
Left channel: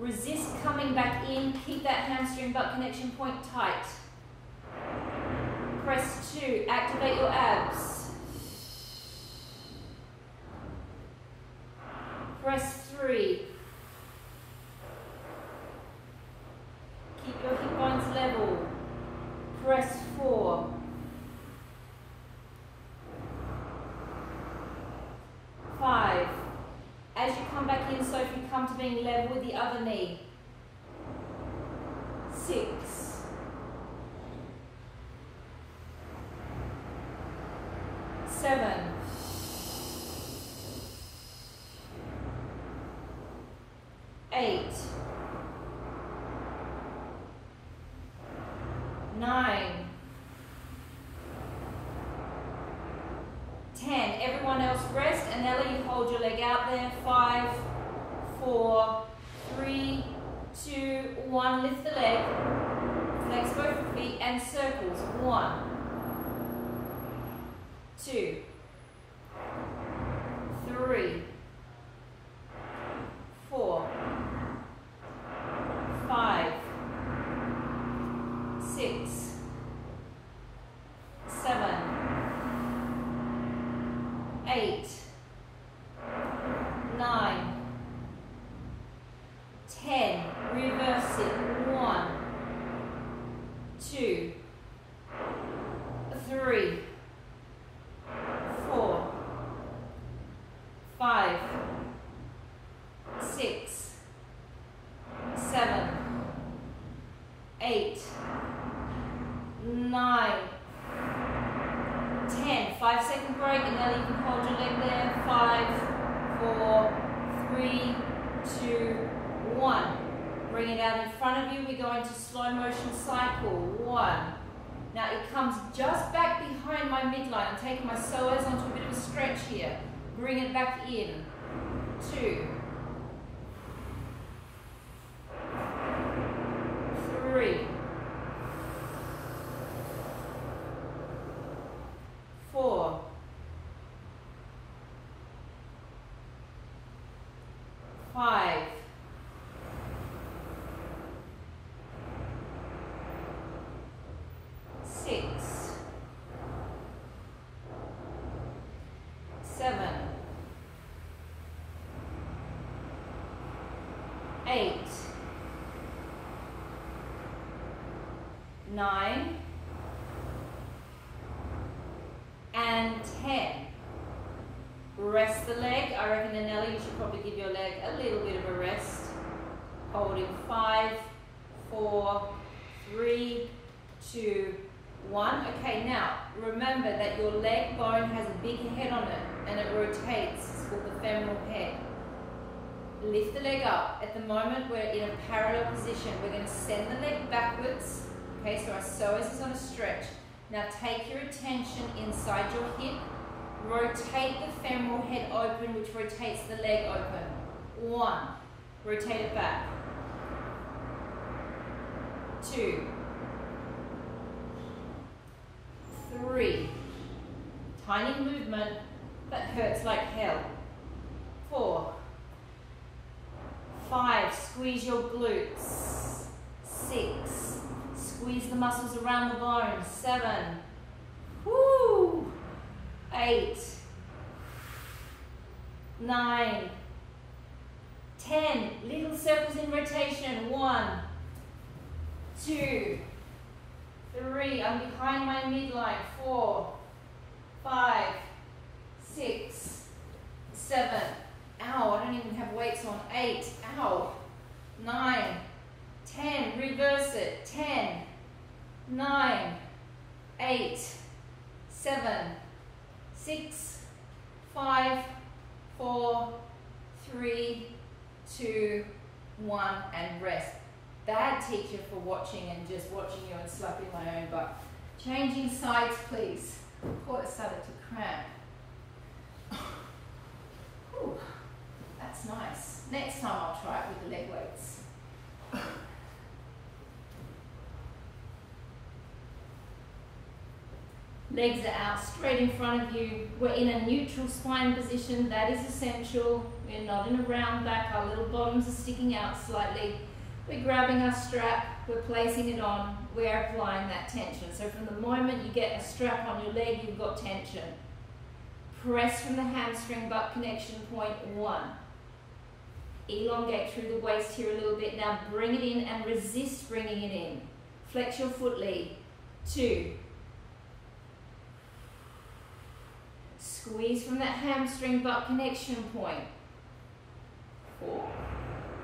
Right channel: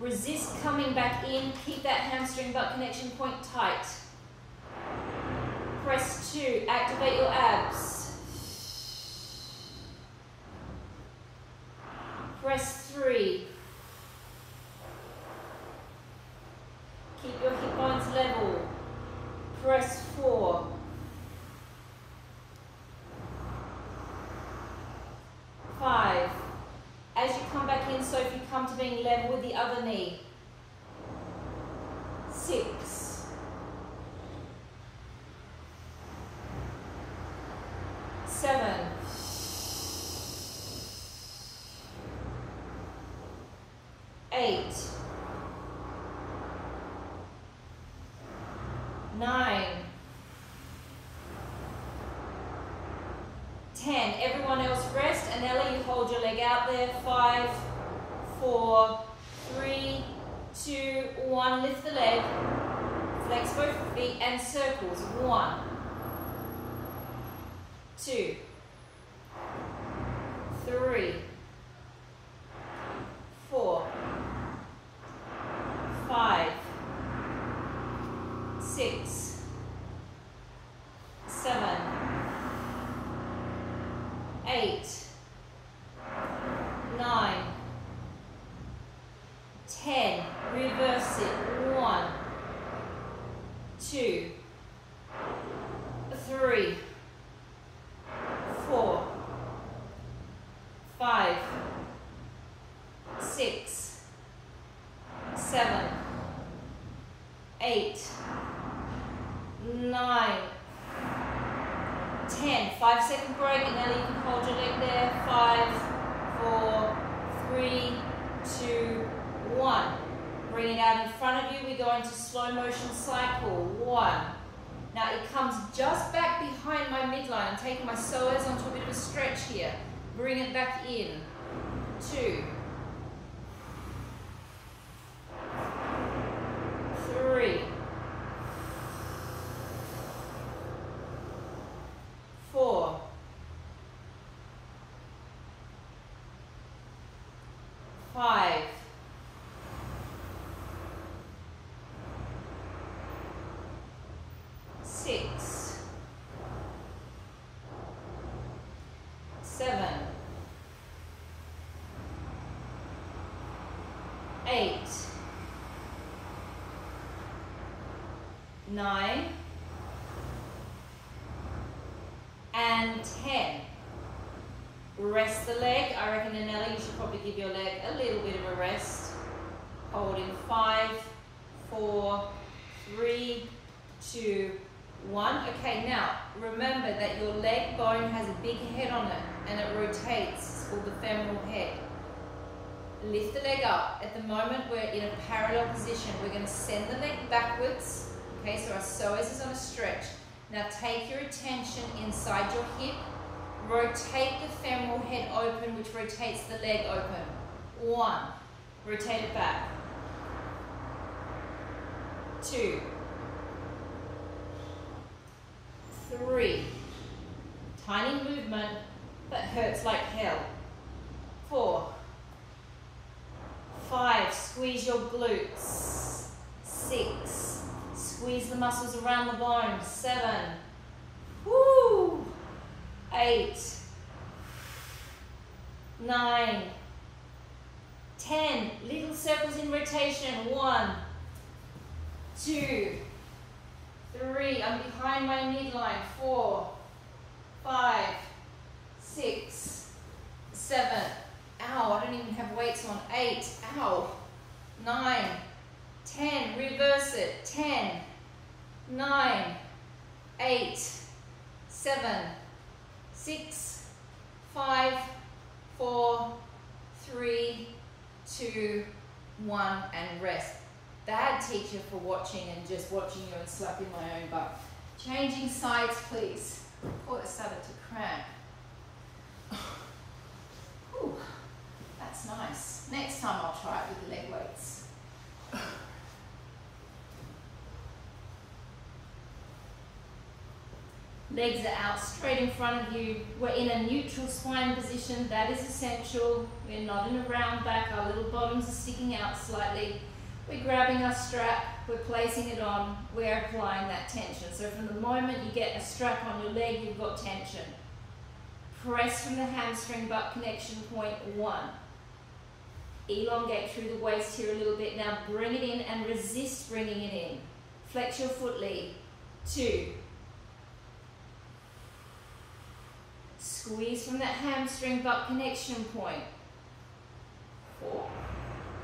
Resist coming back in, keep that hamstring butt connection point tight. Press 2, activate your abs. Press 3. Keep your hip bones level. Press 4. 5. As you come back in, Sophie, come to being level with the other knee. 6. 7. 8. 9. 10. Everyone else rest, and Ellie, you hold your leg out there. 5, 4, 3, 2, 1. Lift the leg. Flex both feet and circles. 1, 2, 3, 4, 5, 6, 7, 8, 9, 10. Reverse it. 1, 2, 3, 4, 5, 6, 7, 8, 9, 10. 5-second break, and now you can hold your leg there. 5, 4, 3, 2, 1. Bring it out in front of you. We go into slow motion cycle. 1. Now it comes just back behind my midline. I'm taking my psoas onto a bit of a stretch here. Bring it back in. 2, 3, 4, 5, 6, 7, 8, 9, and 10. Rest the leg. I reckon, Natalia, you should probably give your leg a little bit of a rest. Hold in 5, 4, 3, 2, 1. Okay, now remember that your leg bone has a big head on it and it rotates. It's called the femoral head. Lift the leg up. At the moment we're in a parallel position. We're going to send the leg backwards. Okay, so our psoas is on a stretch. Now take your attention inside your hip. Rotate the femoral head open, which rotates the leg open. 1. Rotate it back. 2. 3. Tiny movement, but hurts like hell. 4. 5. Squeeze your glutes. 6. Squeeze the muscles around the bones. 7. Woo! 8. 9. 10. Little circles in rotation. 1, 2, 3. I'm behind my midline. 4, 5, 6, 7. Ow, I don't even have weights on. 8. Ow. 9, 10. Reverse it. 10, 9, 8, 7, 6, 5, 4, 3, 2, 1, and rest. Bad teacher for watching and just watching you and slapping my own butt. Changing sides, please. Oh, it started to cramp. Whew, that's nice. Next time I'll try it with the leg weights. Legs are out straight in front of you. We're in a neutral spine position. That is essential. We're not in a round back. Our little bottoms are sticking out slightly. We're grabbing our strap. We're placing it on. We're applying that tension. So from the moment you get a strap on your leg, you've got tension. Press from the hamstring butt connection point. 1. Elongate through the waist here a little bit. Now bring it in and resist bringing it in. Flex your foot lead. 2. Squeeze from that hamstring butt connection point. 4.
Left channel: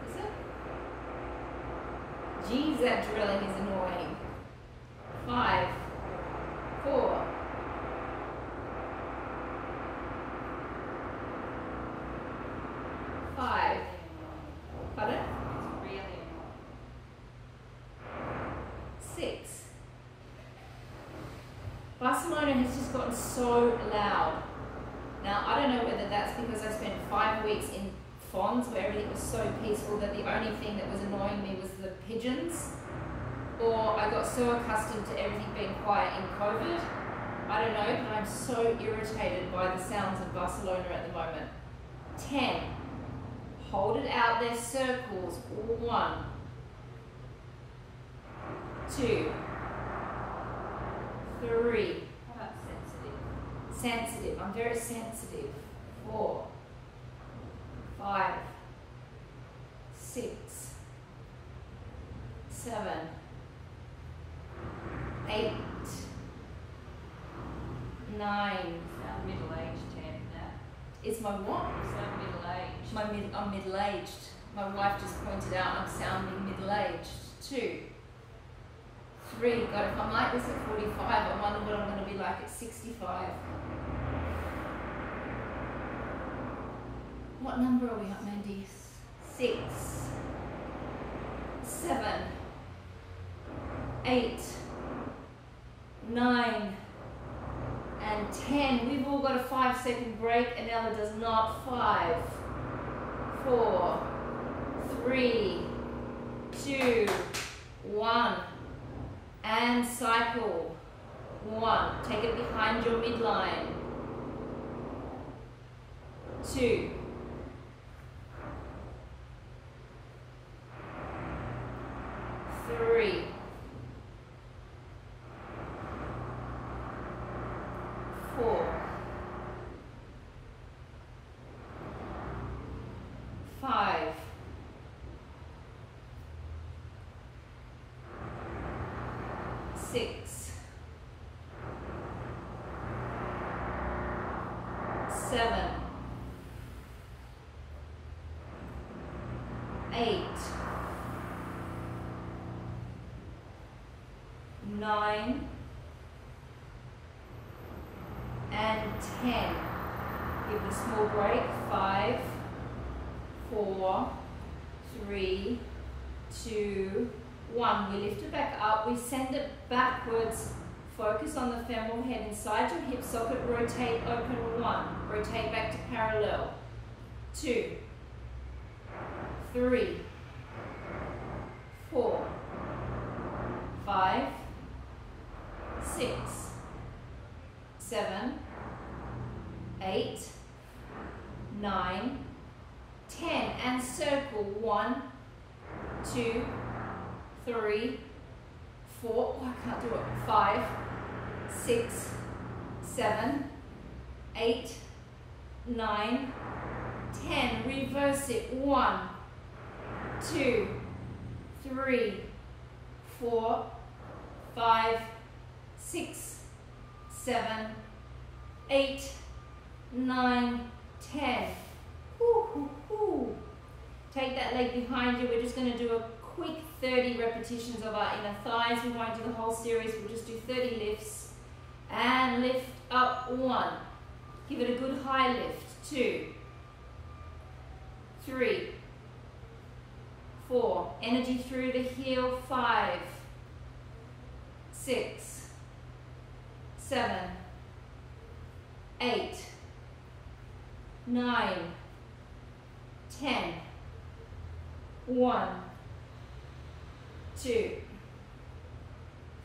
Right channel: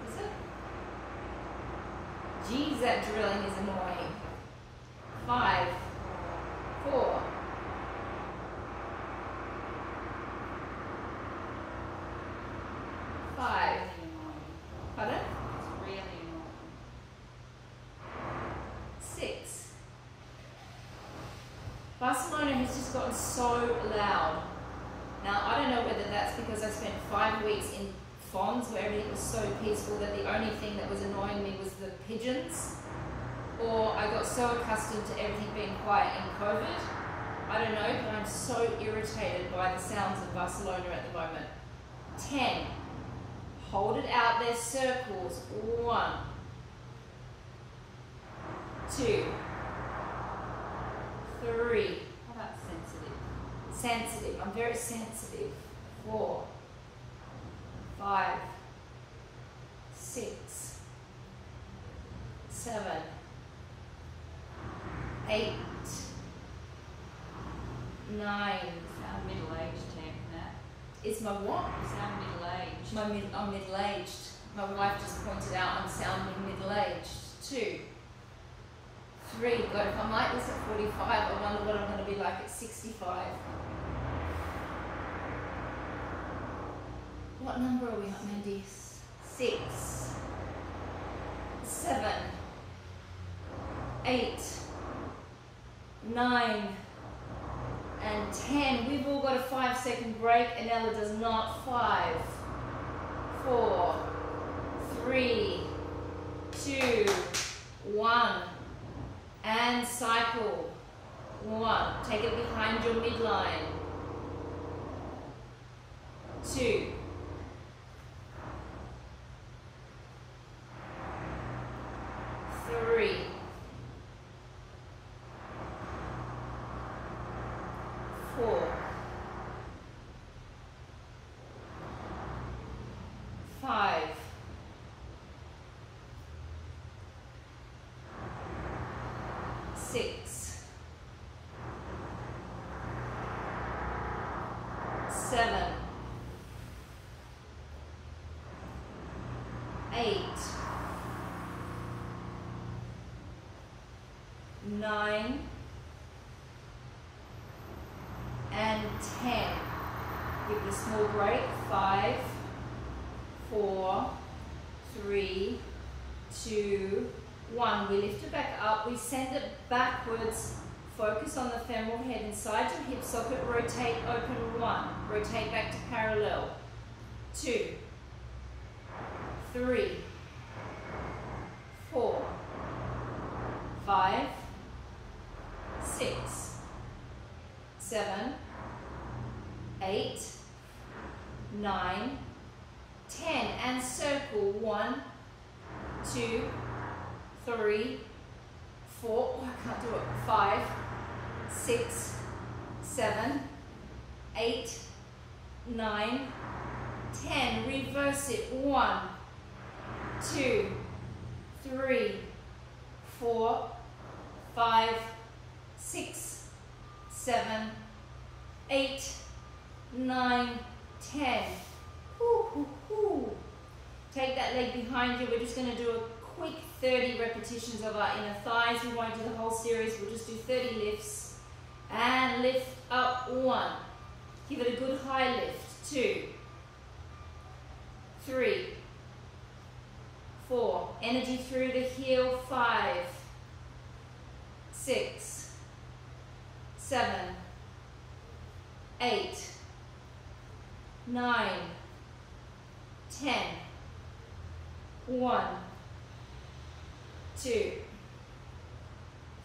Is it? Geez, that drilling is annoying. 5, 4, 5. Pardon? 6. Barcelona has just gotten so loud. Now, I don't know whether that's because I spent 5 weeks in Fonds where everything was so peaceful that the only thing that was annoying me was the pigeons, or I got so accustomed to everything being quiet in COVID. I don't know, but I'm so irritated by the sounds of Barcelona at the moment. 10. Hold it out there, circles. 1, 2, 3. How about sensitive? Sensitive. I'm very sensitive. 4, 5, 6, 7, 8, 9. Sound middle-aged, Nat. Is my what? You sound middle-aged. I'm middle-aged. My wife just pointed out I'm sounding middle-aged. 2, 3. God, if I'm like this at 45, I wonder what I'm going to be like at 65. What number are we at, Mandy? 6, 7, 8, 9, and 10. We've all got a 5-second break, and Ella does not. 5, 4, 3, 2, 1, and cycle. 1. Take it behind your midline. 2. 3. 4. 5. 6. 7. 8. 9. And 10. Give it a small break. 5, 4, 3, 2, 1. We lift it back up. We send it backwards. Focus on the femoral head inside your hip socket. Rotate, open. 1. Rotate back to parallel. 2, 3, 4, 5, 6, 7, 8, 9, 10. And circle. 1, 2, 3, 4. Oh, I can't do it. 5, 6, 7, 8, 9, 10. Reverse it. 1, 2, 3, 4, 5, 6, 7, 8, 9, 10. Woo, woo, woo. Take that leg behind you. We're just going to do a quick 30 repetitions of our inner thighs. We won't do the whole series. We'll just do 30 lifts. And lift up. 1. Give it a good high lift. 2, 3, 4. Energy through the heel. 5, 6, 7, 8, 9, 10. 1, 2,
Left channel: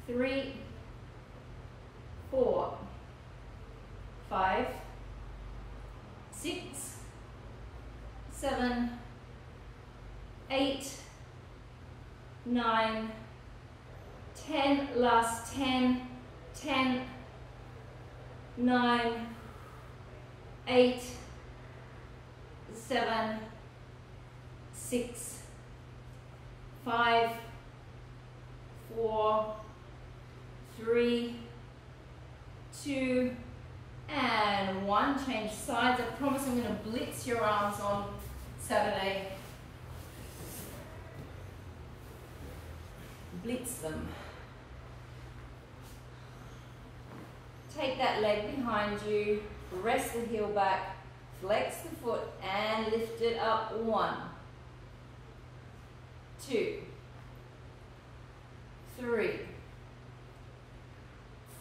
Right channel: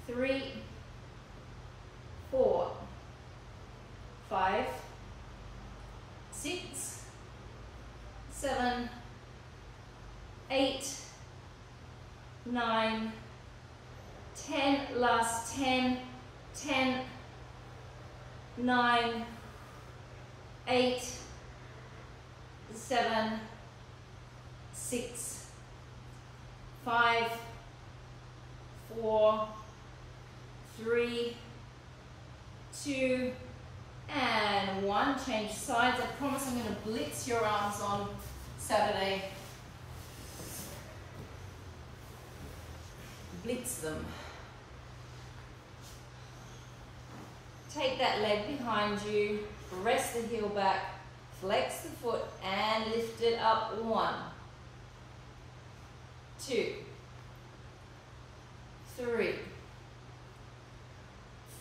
3, 4, 5, 6, 7, 8, 9, 10. Last 10, 10, 9, 8, 7, 6, 5, 4, 3, 2, and 1. Change sides. I promise I'm going to blitz your arms on Saturday. Blitz them. Take that leg behind you, rest the heel back, flex the foot and lift it up. 1, 2, 3,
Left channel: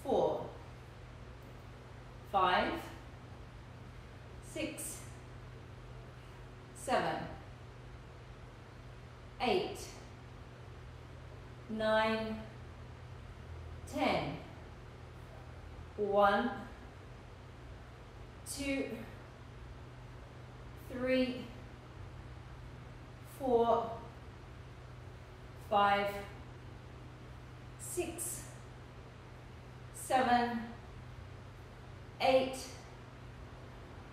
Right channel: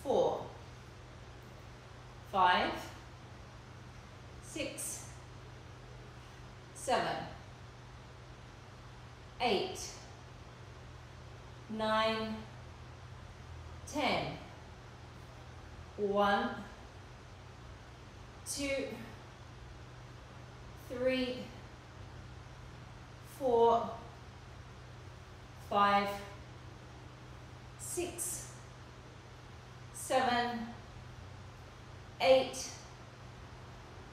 4, 5, 6, 7, 8, 9, 10. 1, 2, 3, 4, 5, 6, 7, 8,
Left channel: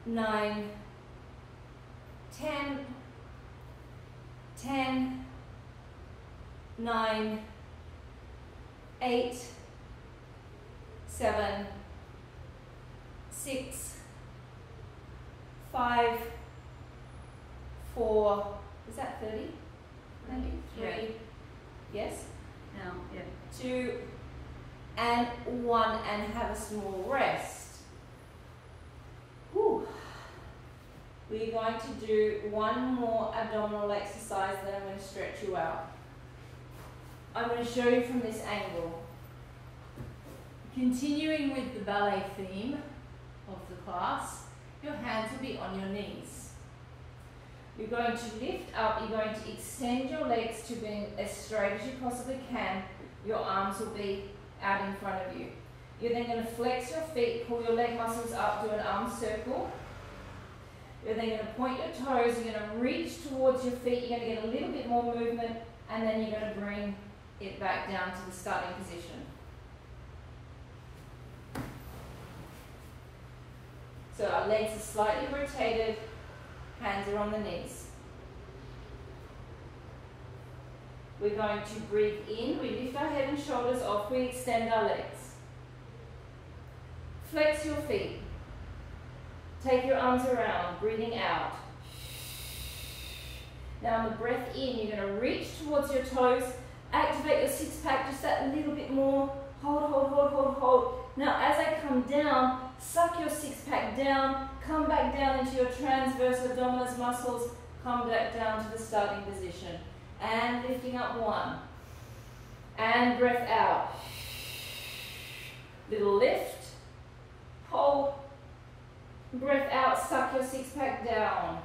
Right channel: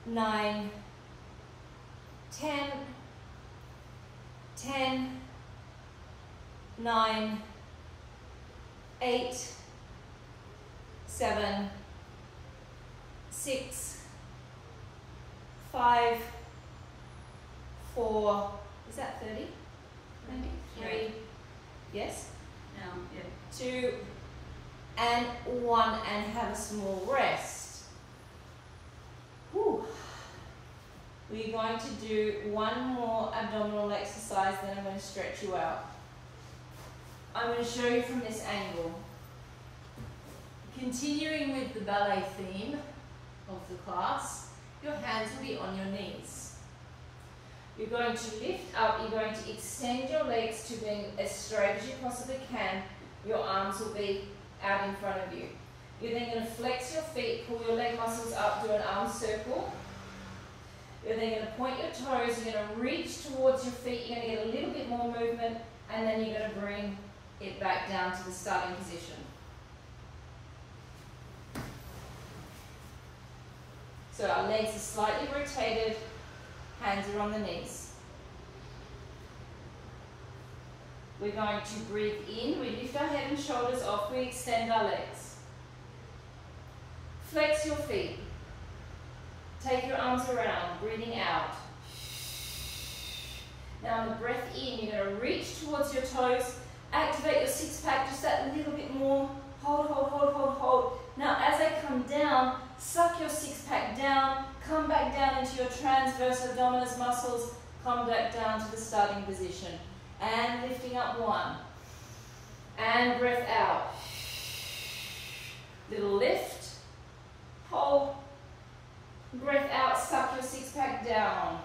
9, 10, 10, 9, 8, 7, 6, 5, 4, is that 30? 3, yes? No, yeah. 2, and 1, and have a small rest. Whew. We we're going to do one more abdominal exercise, then I'm going to stretch you out. I'm going to show you from this angle. Continuing with the ballet theme of the class, your hands will be on your knees. You're going to lift up, you're going to extend your legs to being as straight as you possibly can. Your arms will be out in front of you. You're then going to flex your feet, pull your leg muscles up, do an arm circle. You're then going to point your toes, you're going to reach towards your feet, you're going to get a little bit more movement, and then you're going to bring it back down to the starting position. So our legs are slightly rotated, hands are on the knees. We're going to breathe in, we lift our head and shoulders off, we extend our legs. Flex your feet. Take your arms around, breathing out. Now on the breath in, you're going to reach towards your toes, activate your six pack just that little bit more. Hold, hold, hold, hold, hold. Now as I come down, suck your six pack down, come back down into your transverse abdominis muscles, come back down to the starting position. And lifting up one. And breath out. Little lift, hold. Breath out, suck your six pack down.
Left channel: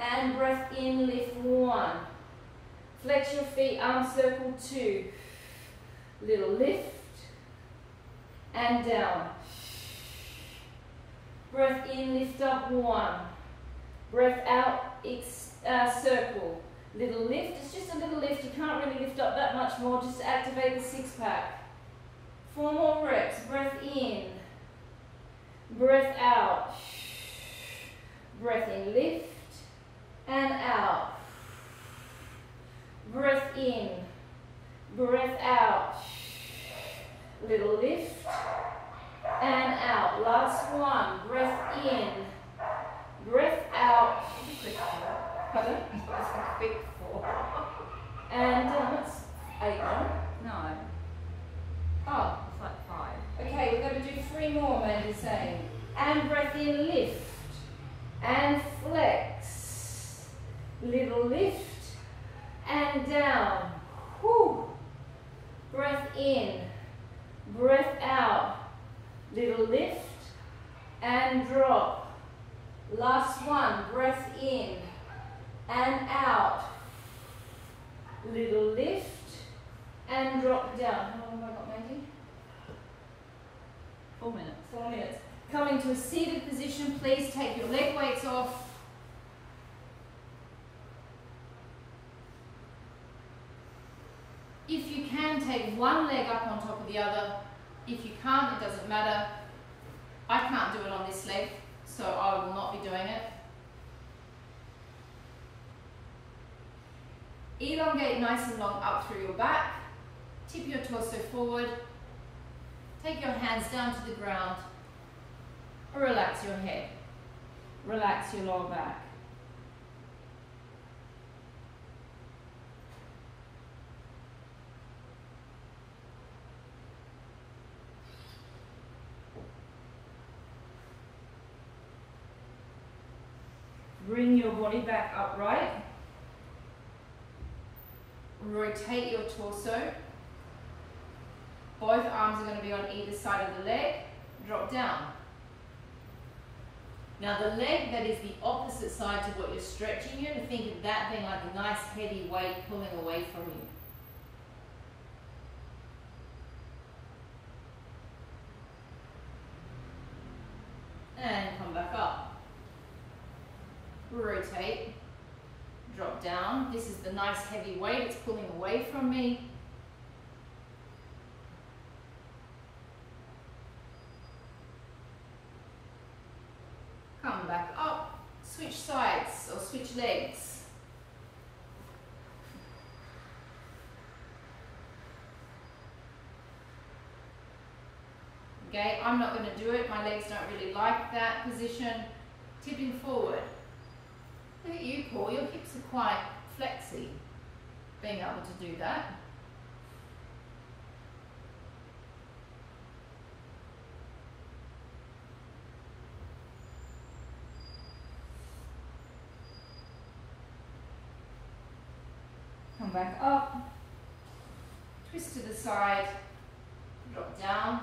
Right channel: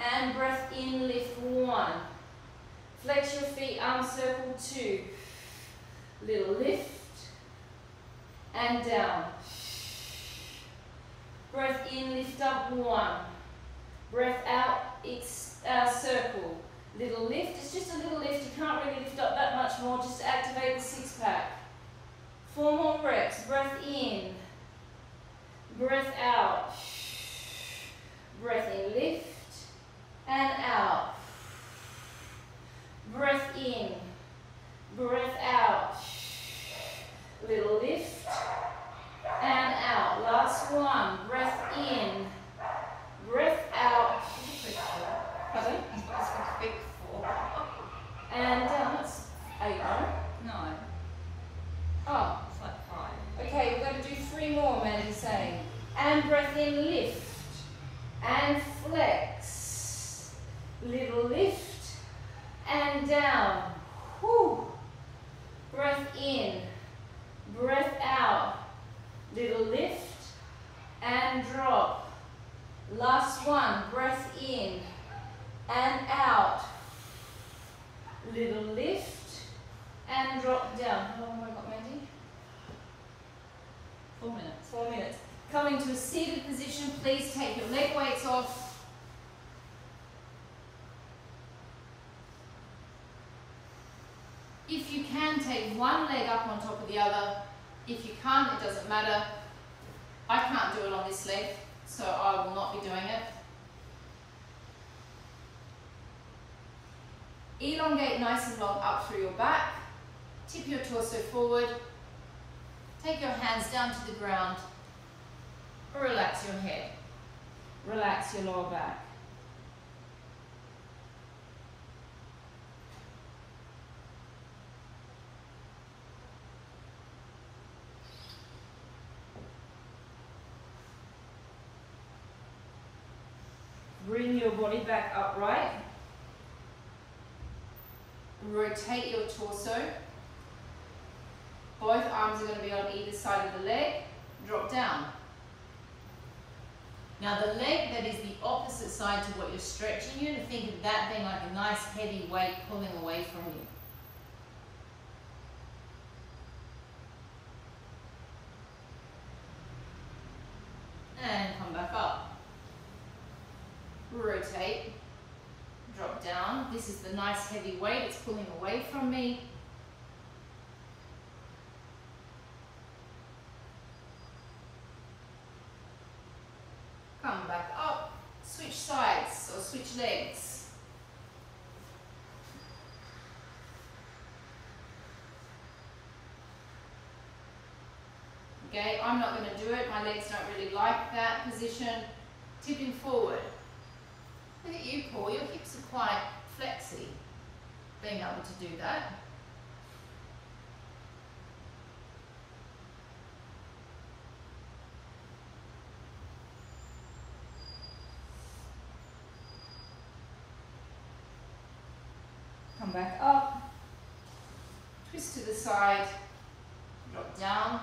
And breath in, lift one. Flex your feet, arm circle two. Little lift. And down. Breath in, lift up one. Breath out, circle. Little lift, it's just a little lift. You can't really lift up that much more, just to activate the six pack. 4 more reps. Breath in. Breath out. Breath in, lift. And out. Breath in. Breath out. Little lift. And out. Last one. Breath in. Breath out. Pardon? That's a quick 4. And down. That's 8, no? No, Oh. it's like 5. Okay, we're going to do 3 more, Mandy's saying. And breath in, lift. And flex. Little lift. And down. Whew. Breath in. Breath out. Little lift. And drop. Last one. Breath in. And out. Little lift. And drop down. How long have I got, Mandy? 4 minutes. 4 minutes. Coming to a seated position, please take your leg weights off. If you can, take one leg up on top of the other. If you can't, it doesn't matter. I can't do it on this leg, so I will not be doing it. Elongate nice and long up through your back. Tip your torso forward. Take your hands down to the ground. Relax your head. Relax your lower back. Bring your body back upright. Rotate your torso. Both arms are going to be on either side of the leg. Drop down. Now the leg that is the opposite side to what you're stretching, you're going to think of that being like a nice heavy weight pulling away from you. And come back up. Rotate. Drop down. This is the nice heavy weight, it's pulling away from me. Come back up, switch sides or switch legs. Okay, I'm not going to do it, my legs don't really like that position. Tipping forward. Look at you, Paul, your hips are quite flexy, being able to do that. come back up, twist to the side, drop down.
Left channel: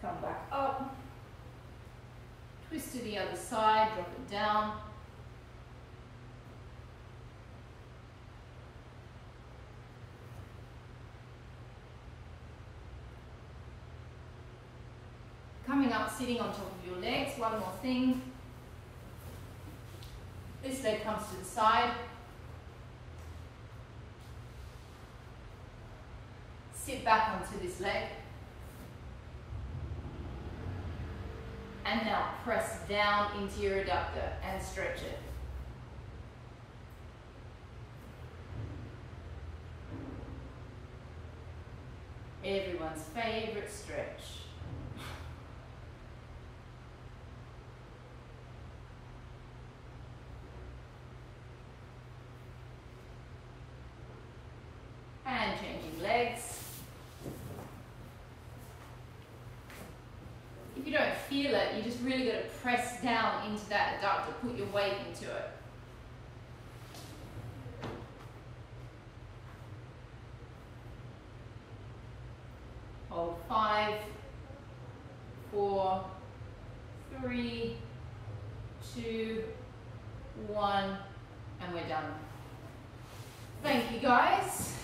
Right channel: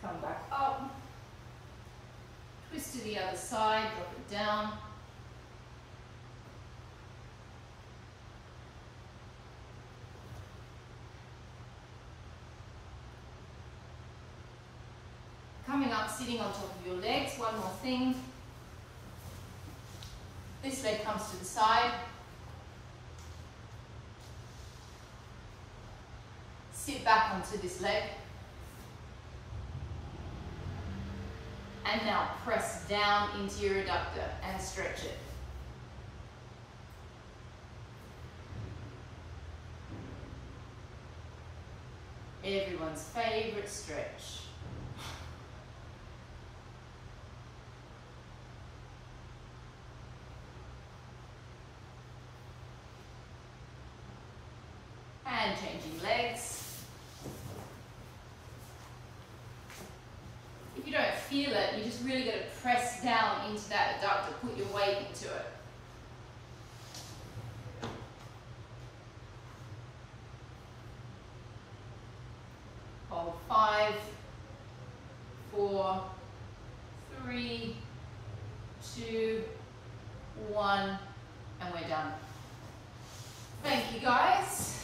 Come back up, twist to the other side, drop it down. Coming up, sitting on top of your legs, one more thing. This leg comes to the side. Sit back onto this leg. And now press down into your adductor and stretch it. Everyone's favorite stretch. And changing legs. If you don't feel it, you just really got to press down into that adductor, put your weight into it. Hold 5, 4, 3, 2, 1, and we're done. Thank you guys.